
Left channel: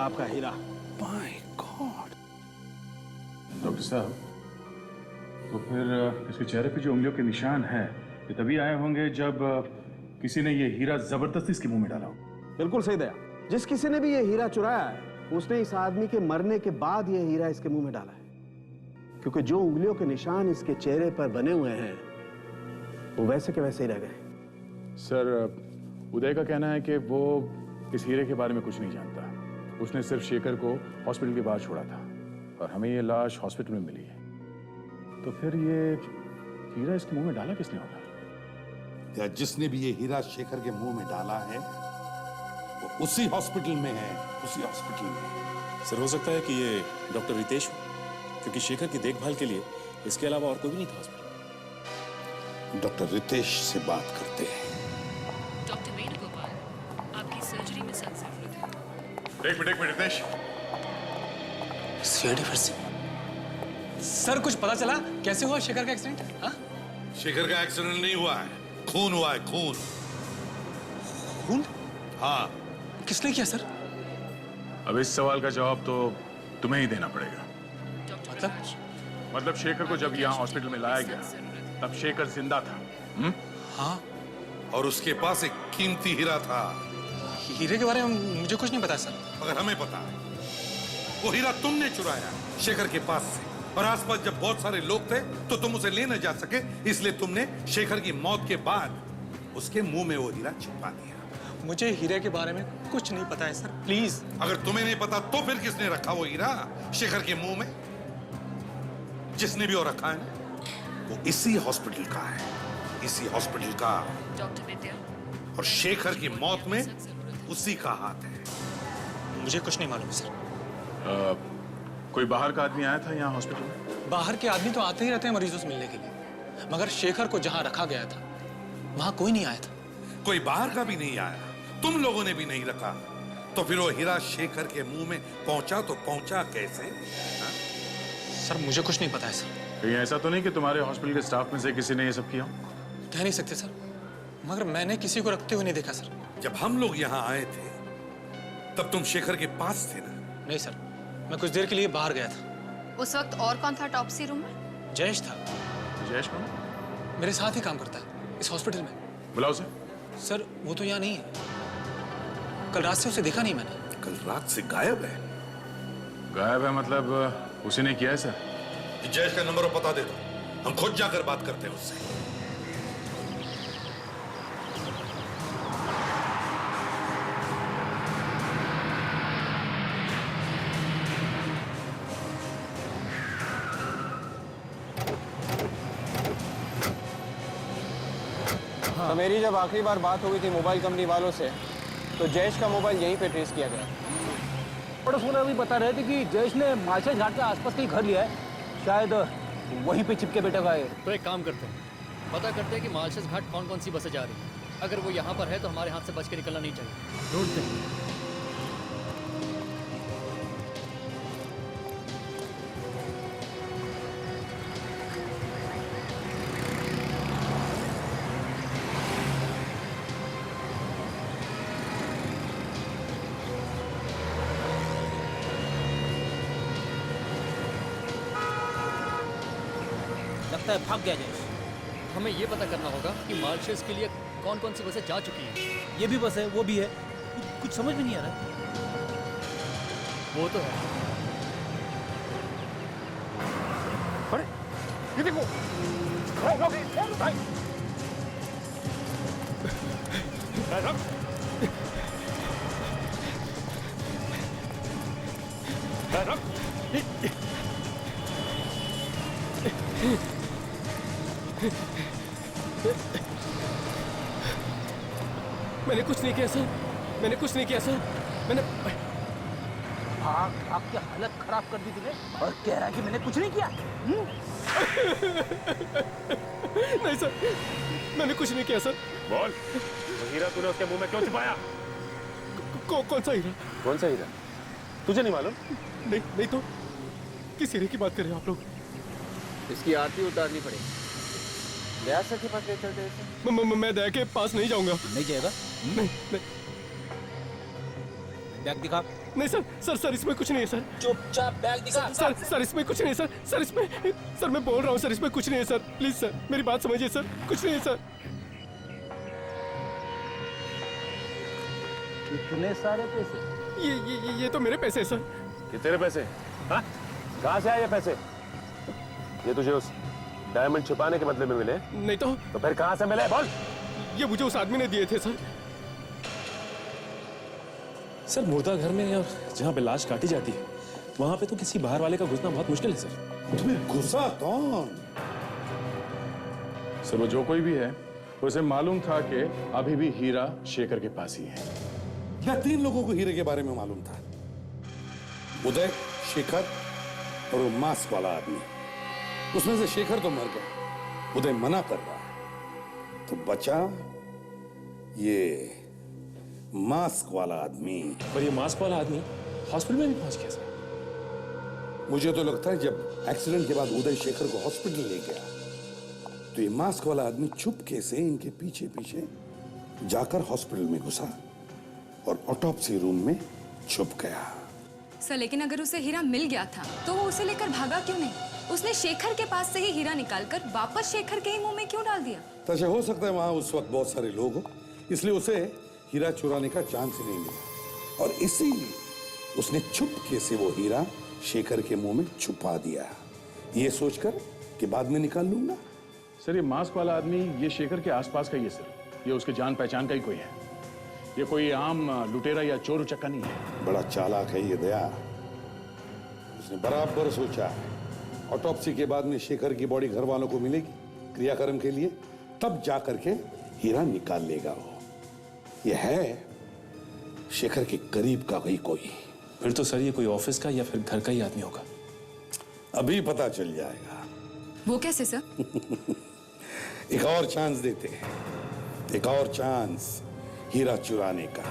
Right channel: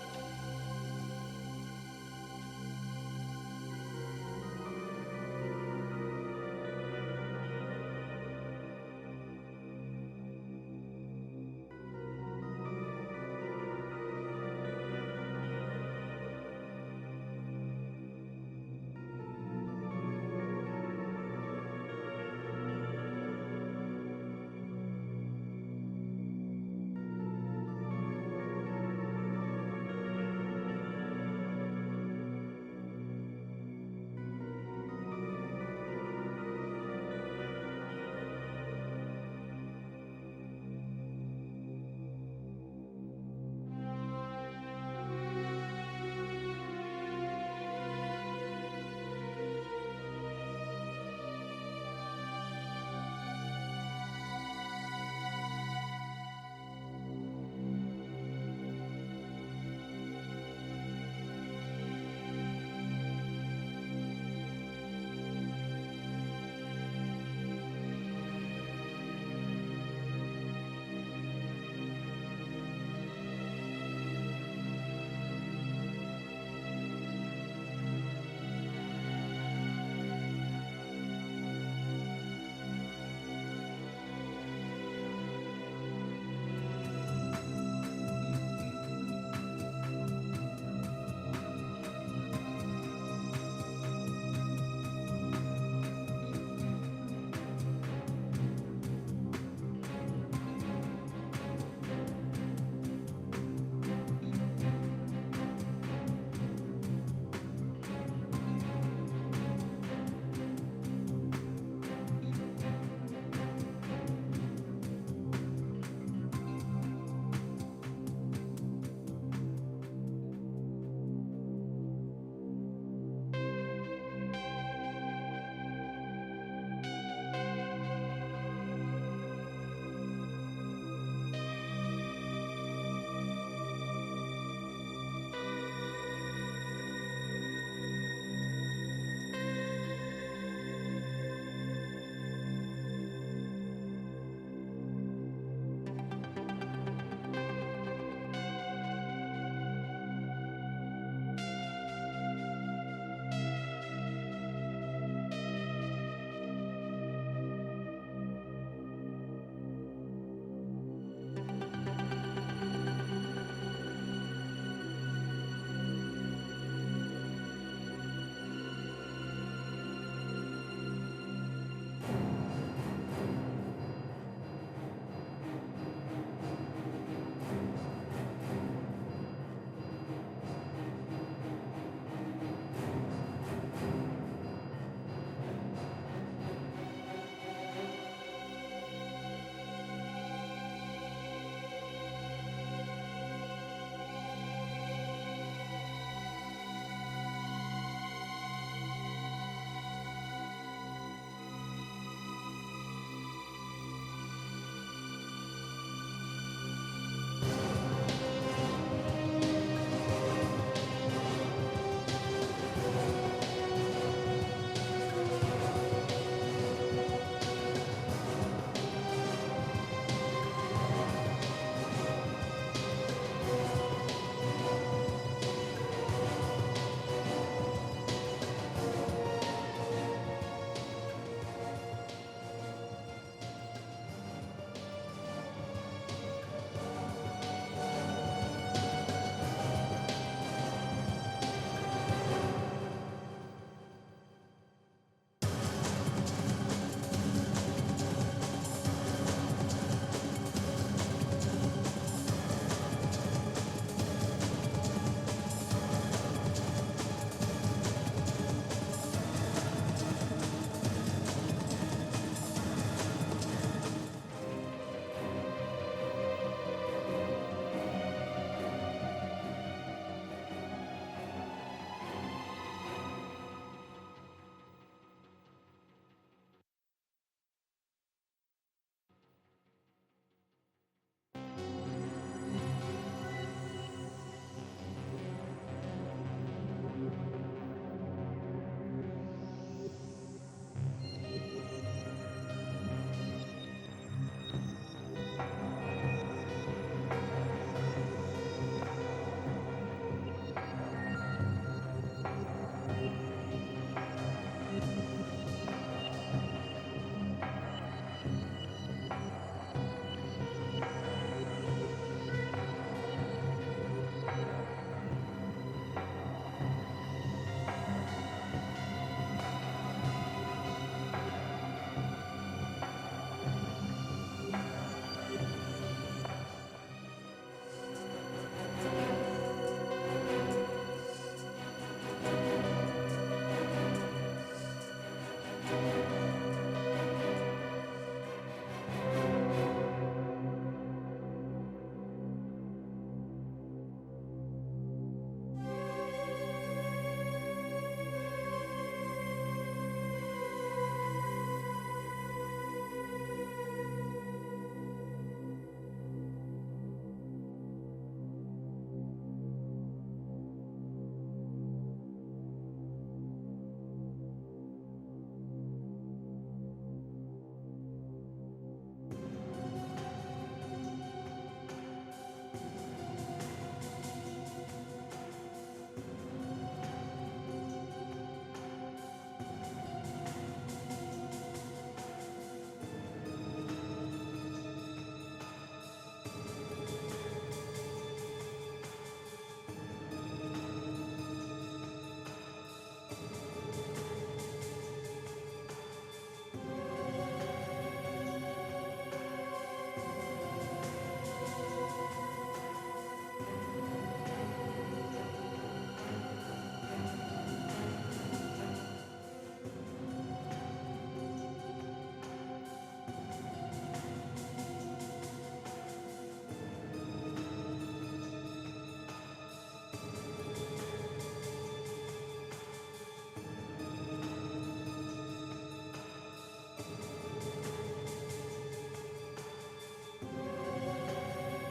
आपका हीरा। My God. डॉक्टर साहब, तो फिर इसके चेहरे पे जो उंगलियों के निशान हैं, ये तभी आए होंगे जब किसी ने ये हीरा जबरदस्ती इसके मुंह में डाला हो। बिल्कुल सही दया। जिस किसी ने भी ये हीरा चुराया है, उसने इस आदमी के मरने के बाद ये हीरा इसके मुंह में डाला है, क्योंकि जो उंगलियों के निशान इसके चेहरे पर बने हुए हैं वो वैसे के वैसे ही रह गए। सर, उदय का कहना है कि वो इस हीरे के बारे में कुछ नहीं जानता। उसने सिर्फ शेखर को हॉस्पिटल के बाहर छोड़ा था और हमें ये लाश हॉस्पिटल में मिली है। तो फिर ये हीरा इसके मुंह में डाला किसने होगा? या जिसने भी ये हीरा शेखर के मुंह में डाला है वो उसी हॉस्पिटल में है, उसी हॉस्पिटल में। सर, हो सकता है कि ये डॉक्टर रितेश हो, क्योंकि शेखर की देखभाल के लिए इसके अलावा और कोई भी नहीं था हॉस्पिटल। डॉक्टर रितेश से बात करते हैं। डॉक्टर वेणुगोपाल, आपकी सर्जरी में सक्सेस हुई। एक मिनट रितेश। सीआईडी फिर से। सर, कुछ पता चला कैसे हुआ शेखर का एक्सीडेंट? हाँ? शेखर का एक्सीडेंट नहीं हुआ है, खून हुआ है, खून। खून? हाँ। किसने किया सर? अब इस सवाल का जवाब तो तुम्हें ही देना पड़ेगा। मतलब शेखर को जब यहाँ हॉस्पिटल में लाया गया तब शेखर जिंदा था। हाँ। और उसके पास एक कीमती हीरा था। हीरे के बारे में मुझे कुछ नहीं पता सर। मगर हमें पता है। वो हीरा तुमने चुराया शेखर के पास से। और आसपास जब बहुत सारे लोग थे तो तुम उसे ले न जा सके, इसलिए तुमने शेखर की मौत के बाद उसके मुंह में वो हीरा छिपा दिया। मुझे हीरे के बारे में कुछ नहीं पता है सर, प्लीज। अगर तुम्हें नहीं पता तो फिर किसने रखा वो हीरा शेखर के मुंह में? जिसने भी वो रखा है वो इसी हॉस्पिटल का है, इसी हॉस्पिटल का। डॉक्टर विद्या, और शेखर की मौत में उसी का हाथ है। मुझे कुछ नहीं मालूम सर। कोई बाहर का आदमी आया था यहाँ हॉस्पिटल में? बाहर के आदमी तो आते ही रहते हैं मरीजों से मिलने के लिए, मगर शेखर को जहाँ रखा गया था वहाँ कोई नहीं आया था। कोई बाहर का भी नहीं आया, तुम लोगों ने भी नहीं रखा, तो फिर वो हीरा शेखर के मुंह में पहुंचा तो पहुंचा कैसे? सर मुझे कुछ नहीं पता है सर। कहीं ऐसा तो नहीं कि तुम्हारे हॉस्पिटल के स्टाफ में से किसी ने ये सब किया? कह नहीं सकते सर, मगर मैंने किसी को रखते हुए नहीं देखा सर। जब हम लोग यहाँ आए थे तब तुम शेखर के पास थे ना? नहीं सर, मैं कुछ देर के लिए बाहर गया था। उस वक्त और कौन था टॉप्सी रूम में? जयेश था। जयेश कौन? मेरे साथ ही काम करता है इस हॉस्पिटल में। बुलाओ उसे। सर वो तो यहाँ नहीं है, कल रात से उसे देखा नहीं मैंने। कल रात से गायब है? गायब है मतलब उसी ने किया है सर? जयेश का नंबर और पता दे दो, हम खुद जाकर बात करते हैं उससे। तो मेरी जब आखिरी बार बात हुई थी मोबाइल कंपनी वालों से, तो जयेश का मोबाइल यहीं पे ट्रेस किया गया। पड़ोस वाले अभी बता रहे थे कि जयेश ने मार्शल घाट के आसपास कहीं घर लिया है, शायद वहीं पे चिपके बैठा हुआ है। तो एक काम करते हैं, पता करते हैं कि मार्शल घाट कौन कौन सी बसें जा रही हैं। अगर वो यहाँ पर है तो हमारे हाथ से बच के निकलना नहीं चाहिए। ढूंढते हैं। भाग गया जयेश। हमें ये पता करना होगा कि मार्शल्स के लिए कौन कौन सी बसें जा चुकी हैं। ये भी बस है, वो भी है, कुछ समझ में नहीं आ रहा। वो तो है। अरे ये देखो, मैंने कुछ नहीं किया सर, मैंने कुछ नहीं किया सर, मैंने आपकी हालत खराब कर दी तुझे और कह रहा है कि मैंने कुछ नहीं किया। नहीं सर, मैंने कुछ नहीं किया सर। बोल, वो हीरा तूने उसके मुंह में क्यों छिपाया? कौन सा हीरा? कौन सा हीरा? तुझे नहीं मालूम? नहीं तो किस हीरे की बात कर रहे हैं आप लोग? इसकी आरती उतारनी पड़ेगी। दया सर के पास ले चलते हैं। मैं दया के पास नहीं जाऊंगा। नहीं जाएगा? नहीं। बैग दिखा। नहीं सर इसमें कुछ नहीं है सर। चुपचाप बैग दिखा। सर इसमें कुछ नहीं है सर इसमें, सर मैं बोल रहा हूँ सर, इसमें कुछ नहीं है सर। प्लीज सर मेरी बात समझिए सर, कुछ नहीं है सर। इतने सारे पैसे? ये तो मेरे पैसे हैं सर। ये तेरे पैसे? हाँ? कहाँ से आए ये पैसे? ये तुझे उस डायमंड छुपाने के बदले में मिले? नहीं तो फिर कहाँ से मिले? बोल। ये मुझे उस आदमी ने दिए थे सर। सर मुर्दा घर में या जहाँ पे लाश काटी जाती है वहां पे तो किसी बाहर वाले का घुसना बहुत मुश्किल है सर। तुम्हें घुसा कौन? सर वो जो कोई भी है, उसे मालूम था कि अभी भी हीरा शेखर के पास ही है। क्या 3 लोगों को हीरे के बारे में मालूम था? उदय, शेखर और वो मास्क वाला आदमी। उसमें से शेखर तो मर गया, उदय मना कर रहा है, तो बचा ये मास्क वाला आदमी। पर ये मास्क वाला आदमी हॉस्पिटल में भी पहुंच गया सर। मुझे तो लगता है जब एक्सीडेंट के बाद उदय शेखर को हॉस्पिटल ले गया तो ये मास्क वाला आदमी चुपके से इनके पीछे पीछे जाकर हॉस्पिटल में घुसा और ऑटोप्सी रूम में छुप गया। सर लेकिन अगर उसे हीरा मिल गया था तो वो उसे लेकर भागा क्यों नहीं? उसने शेखर के पास से ही हीरा निकालकर वापस शेखर के ही मुंह में क्यों डाल दिया? तो हो सकता है वहां उस वक्त बहुत सारे लोग हो, इसलिए उसे हीरा चुराने का चांस नहीं मिला और इसीलिए उसने चुपके से वो हीरा शेखर के मुंह में छुपा दिया। ये सोचकर कि बाद में निकाल लूंगा। सर ये मास्क वाला आदमी ये शेखर के आसपास का ही है सर। ये उसके जान पहचान का ही कोई है। ये कोई आम लुटेरा या चोर उचक्का नहीं है। बड़ा चालाक है ये दया। उसने बराबर सोचा ऑटोप्सी के बाद में शेखर की बॉडी घर वालों को मिलेगी क्रियाक्रम के लिए, तब जा करके हीरा निकाल लेगा। ये है शेखर के करीब का भाई कोई। फिर तो सर ये कोई ऑफिस का या फिर घर का ही आदमी होगा। अभी पता चल जाएगा। वो कैसे सर? एक और चांस देते हैं, एक और चांस हीरा चुराने का।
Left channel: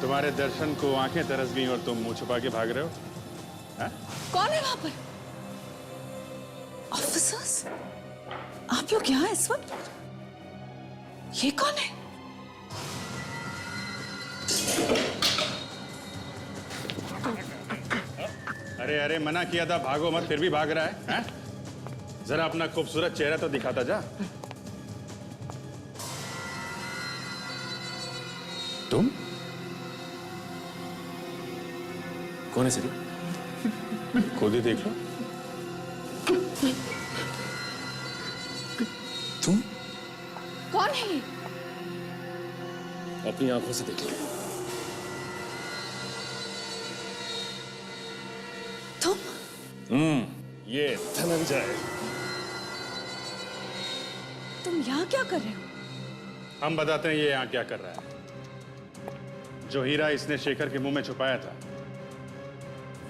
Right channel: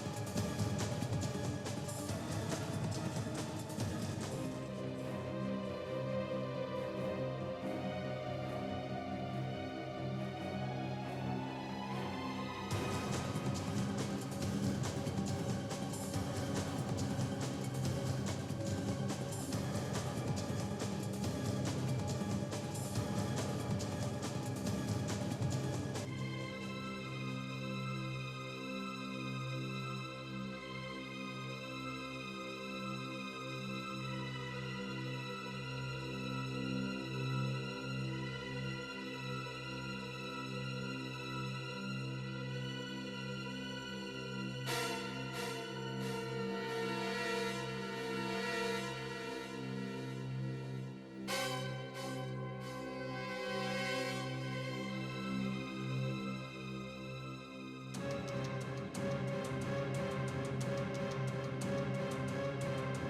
तुम्हारे दर्शन को आंखें तरस गई और तुम मुंह छुपा के भाग रहे हो। कौन है वहां पर? ऑफिसर्स, आप लोग यहाँ इस वक्त? ये कौन है? अरे अरे मना किया था भागो मत, फिर भी भाग रहा है, हैं? जरा अपना खूबसूरत चेहरा तो दिखाता जा। तुम कौन है सर? खुद ही देख लो। तुम कौन है ये? अपनी आंखों से देख लो। तुम? ये धनंजय। तुम यहाँ क्या कर रहे हो? हम बताते हैं ये यहाँ क्या कर रहा है। जो हीरा इसने शेखर के मुंह में छुपाया था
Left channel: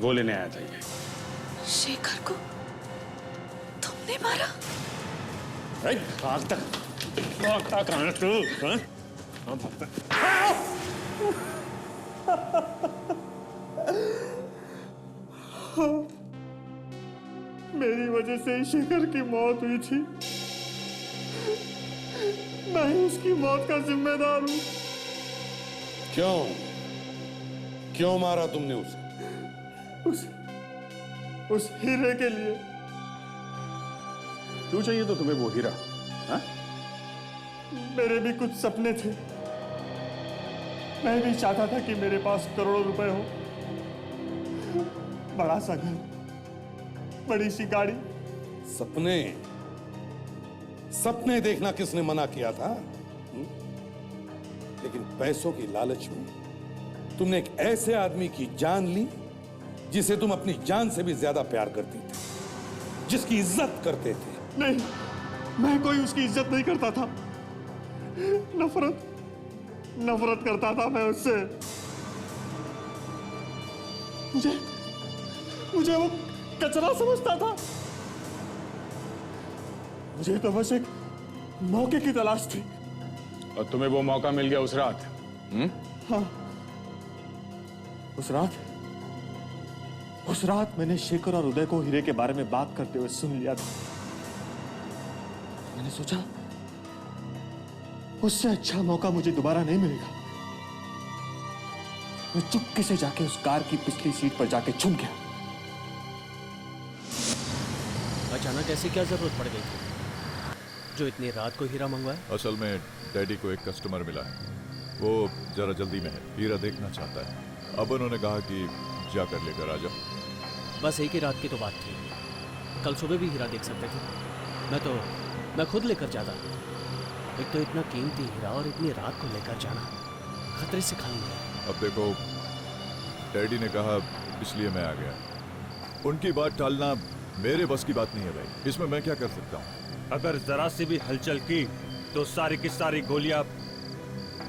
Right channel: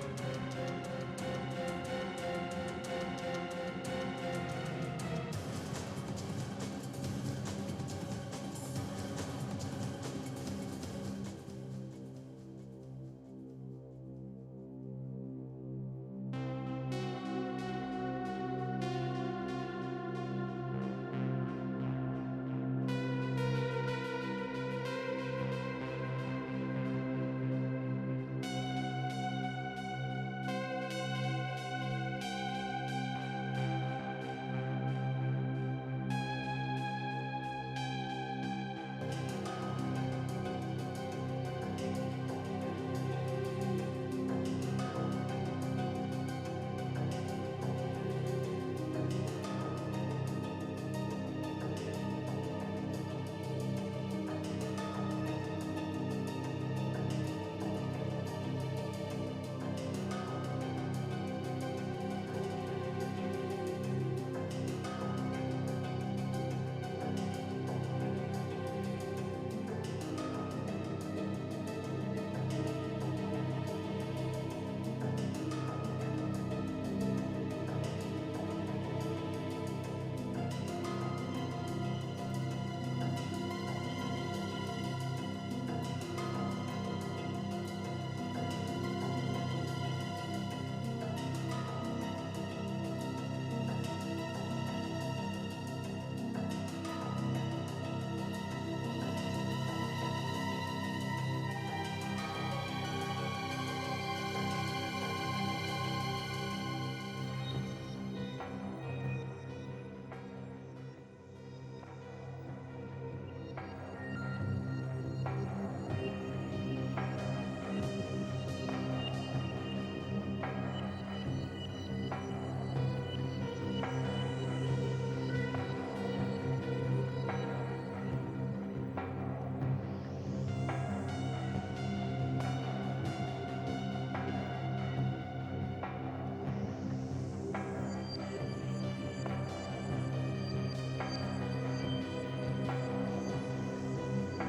वो लेने आया था ये। शेखर को तुमने मारा? आज तक कहाँ है तू? मेरी वजह से शेखर की मौत हुई थी। मैं ही उसकी मौत का जिम्मेदार हूँ। क्यों मारा तुमने उसे? उस हीरे के लिए। क्यों चाहिए तो तुम्हें वो हीरा? हा? मेरे भी कुछ सपने थे। मैं भी चाहता था कि मेरे पास करोड़ों रुपए हो, बड़ा सा घर, बड़ी सी गाड़ी। सपने देखना किसने मना किया था? लेकिन पैसों की लालच में तुमने एक ऐसे आदमी की जान ली जिसे तुम अपनी जान से भी ज्यादा प्यार करते थे, जिसकी इज्जत करते थे। नहीं, मैं कोई उसकी इज्जत नहीं करता था। नफरत करता था मैं उससे। मुझे वो कचरा समझता था। मुझे तो बस एक मौके की तलाश थी। और तुम्हें वो मौका मिल गया उस रात हाँ। उस रात मैंने शेखर और उदय को हीरे के बारे में बात करते हुए सुन लिया था। मैंने सोचा उससे अच्छा मौका मुझे दोबारा नहीं मिलेगा। मैं चुपके से जाके उस कार की पिछली सीट पर जाके छुप गया। अचानक ऐसी क्या जरूरत पड़ गई थी जो इतनी रात को हीरा मंगवाए? असल में डैडी को एक कस्टमर मिला है, वो जरा जल्दी में हीरा देखना चाहता है। अब उन्होंने कहा कि जाकर लेकर आ जाओ। बस एक ही रात की तो बात थी, कल सुबह भी हीरा देख सकते थे। मैं खुद लेकर जाता। एक तो इतना कीमती हीरा और इतनी रात को लेकर जाना खतरे से खाली है। अब देखो, डैडी ने कहा इसलिए मैं आ गया। उनकी बात टालना मेरे बस की बात नहीं है भाई, इसमें मैं क्या कर सकता हूँ? अगर जरा सी भी हलचल की तो सारी की सारी गोलियां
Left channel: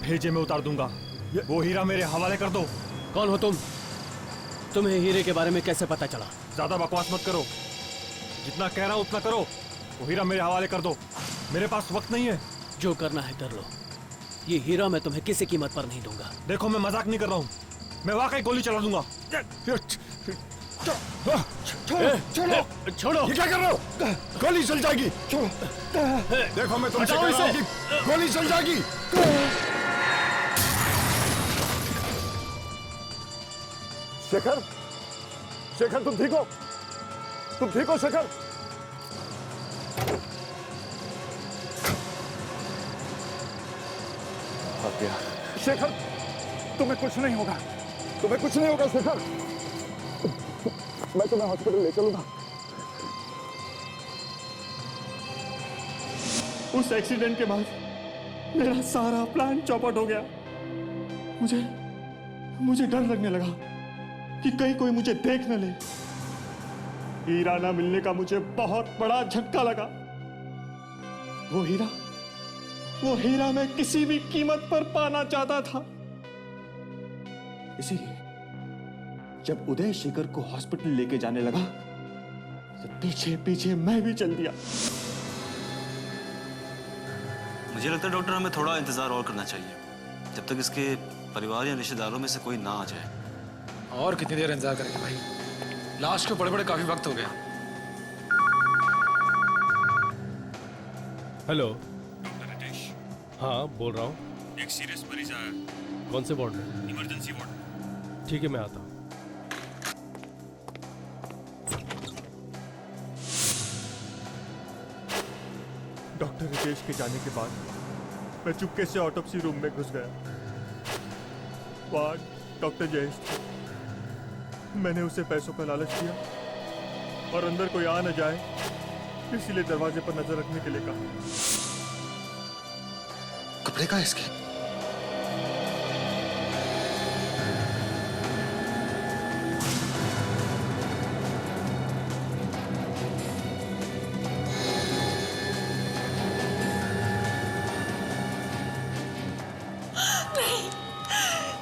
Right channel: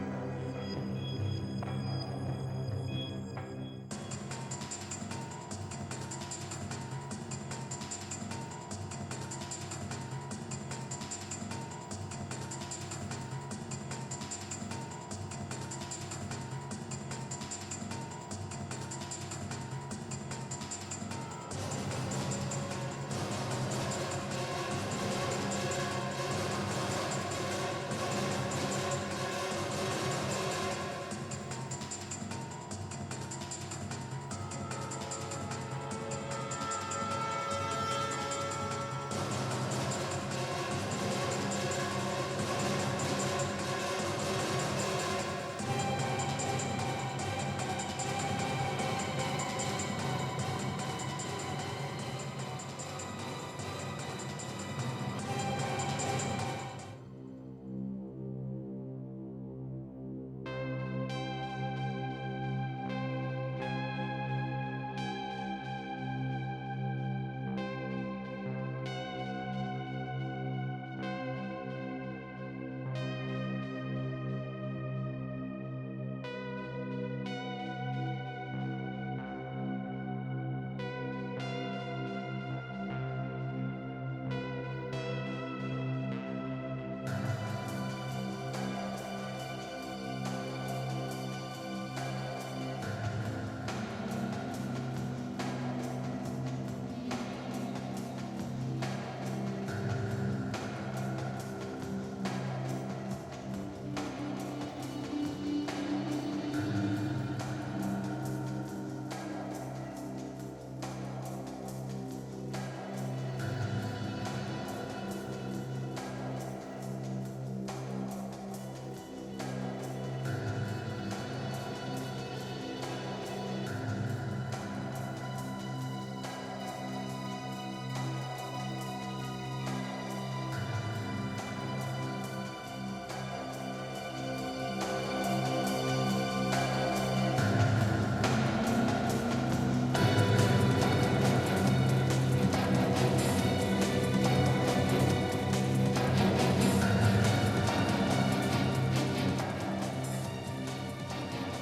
भेजे में उतार दूंगा। वो हीरा मेरे हवाले कर दो। कौन हो तुम? तुम्हें हीरे के बारे में कैसे पता चला? ज्यादा बकवास मत करो, जितना कह रहा हूं उतना करो। वो हीरा मेरे हवाले कर दो, मेरे पास वक्त नहीं है। जो करना है कर लो, ये हीरा मैं तुम्हें किसी कीमत पर नहीं दूंगा। देखो मैं मजाक नहीं कर रहा हूँ, मैं वाकई गोली चला दूंगा। छोड़ो! ये क्या कर रहे हो? गोली चल जाएगी। देखो मैं तुमसे कह रहा हूं कि गोली चल जाएगी। शेखर, शेखर तुम ठीक हो? तुम ठीक हो शेखर? शेखर, तुम्हें कुछ नहीं होगा, तुम्हें कुछ नहीं होगा शेखर। मैं तुम्हें हॉस्पिटल ले चलूंगा। उस एक्सीडेंट के बाद मेरा सारा प्लान चौपट हो गया। मुझे डर लगने लगा कि कहीं कोई मुझे देख न ले। हीरा ना मिलने का मुझे बहुत बड़ा झटका लगा। वो हीरा मैं किसी भी कीमत पर पाना चाहता था। इसीलिए जब उदय शेखर को हॉस्पिटल लेके जाने लगा तो पीछे पीछे मैं भी चल दिया। मुझे लगता है डॉक्टर हमें थोड़ा इंतजार और करना चाहिए, जब तक इसके परिवार या रिश्तेदारों में से कोई ना आ जाए। और कितनी देर इंतजार करेंगे भाई? लाश को बड़े काफी वक्त हो गया। हेलो, हाँ बोल रहा हूँ। एक सीरियस मरीज आया। कौन से वार्ड में? Emergency ward. ठीक है मैं आता हूँ। डॉक्टर रितेश के जाने के बाद मैं चुपके से ऑटोप्सी रूम में घुस गया। वहाँ डॉक्टर जयेश, मैंने उसे पैसों का लालच दिया और अंदर कोई आ न जाए इसलिए दरवाजे पर नजर रखने के लिए कहा। कपड़े का इसके?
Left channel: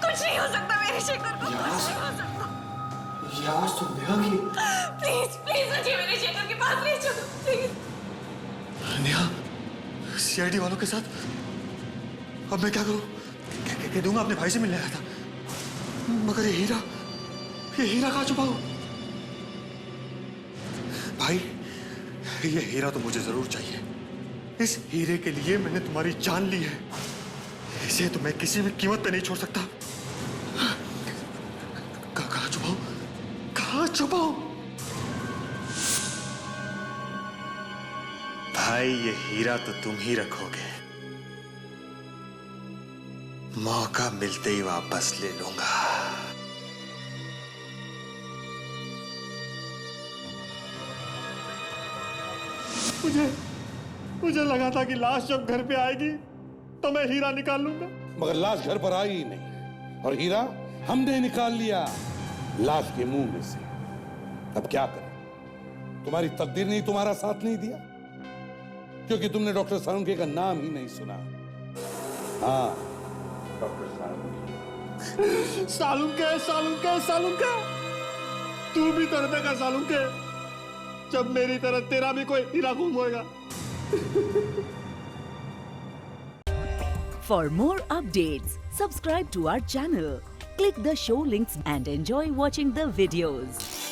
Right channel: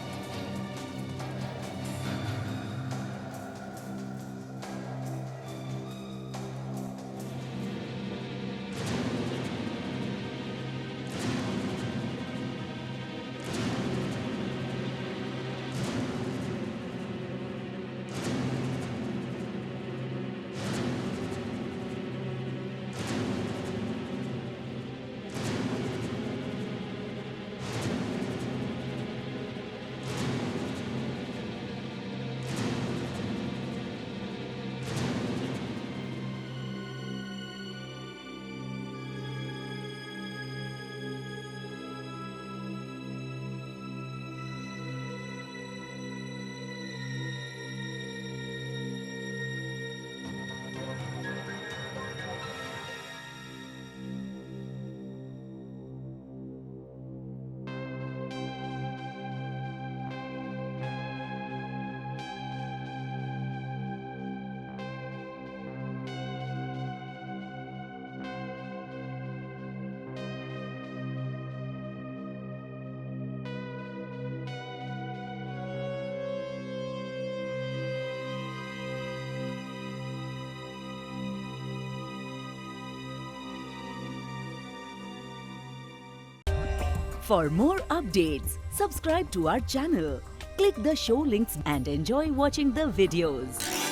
कुछ नहीं हो सकता मेरे शेखर को। यार तुम नेहा की? प्लीज प्लीज मुझे मेरे शेखर के पास ले चलो प्लीज। नेहा, सीआईडी वालों के साथ? अब मैं क्या करूं? ये दूंगा अपने भाई से मिलने आया था, मगर ये हीरा कहाँ छुपा हो? भाई, ये हीरा तो मुझे जरूर चाहिए। इस हीरे के लिए मैंने तुम्हारी जान ली है, इसे तो मैं किसी भी कीमत पे नहीं छोड़ सकता। कहाँ छुपाओ? कहाँ छुपाओ? भाई, ये हीरा तो तुम ही रखोगे, मौका मिलते ही वापस ले लूंगा। मुझे लगा था कि लाश जब घर पे आएगी तो मैं हीरा निकाल लूंगा, मगर लाश घर पर आई ही नहीं और हीरा हमने निकाल लिया लाश के मुंह में से। अब क्या करें? तुम्हारी तकदीर ने तुम्हारा साथ नहीं दिया, क्योंकि तुमने डॉक्टर सालुंके का नाम ही नहीं सुना। हाँ, डॉक्टर सालुंके, तू भी तड़पेगा सालुंके, जब मेरी तरह तेरा भी कोई हीरा गुम होएगा। For more updates, subscribe to our channel, click the show links and enjoy watching the videos.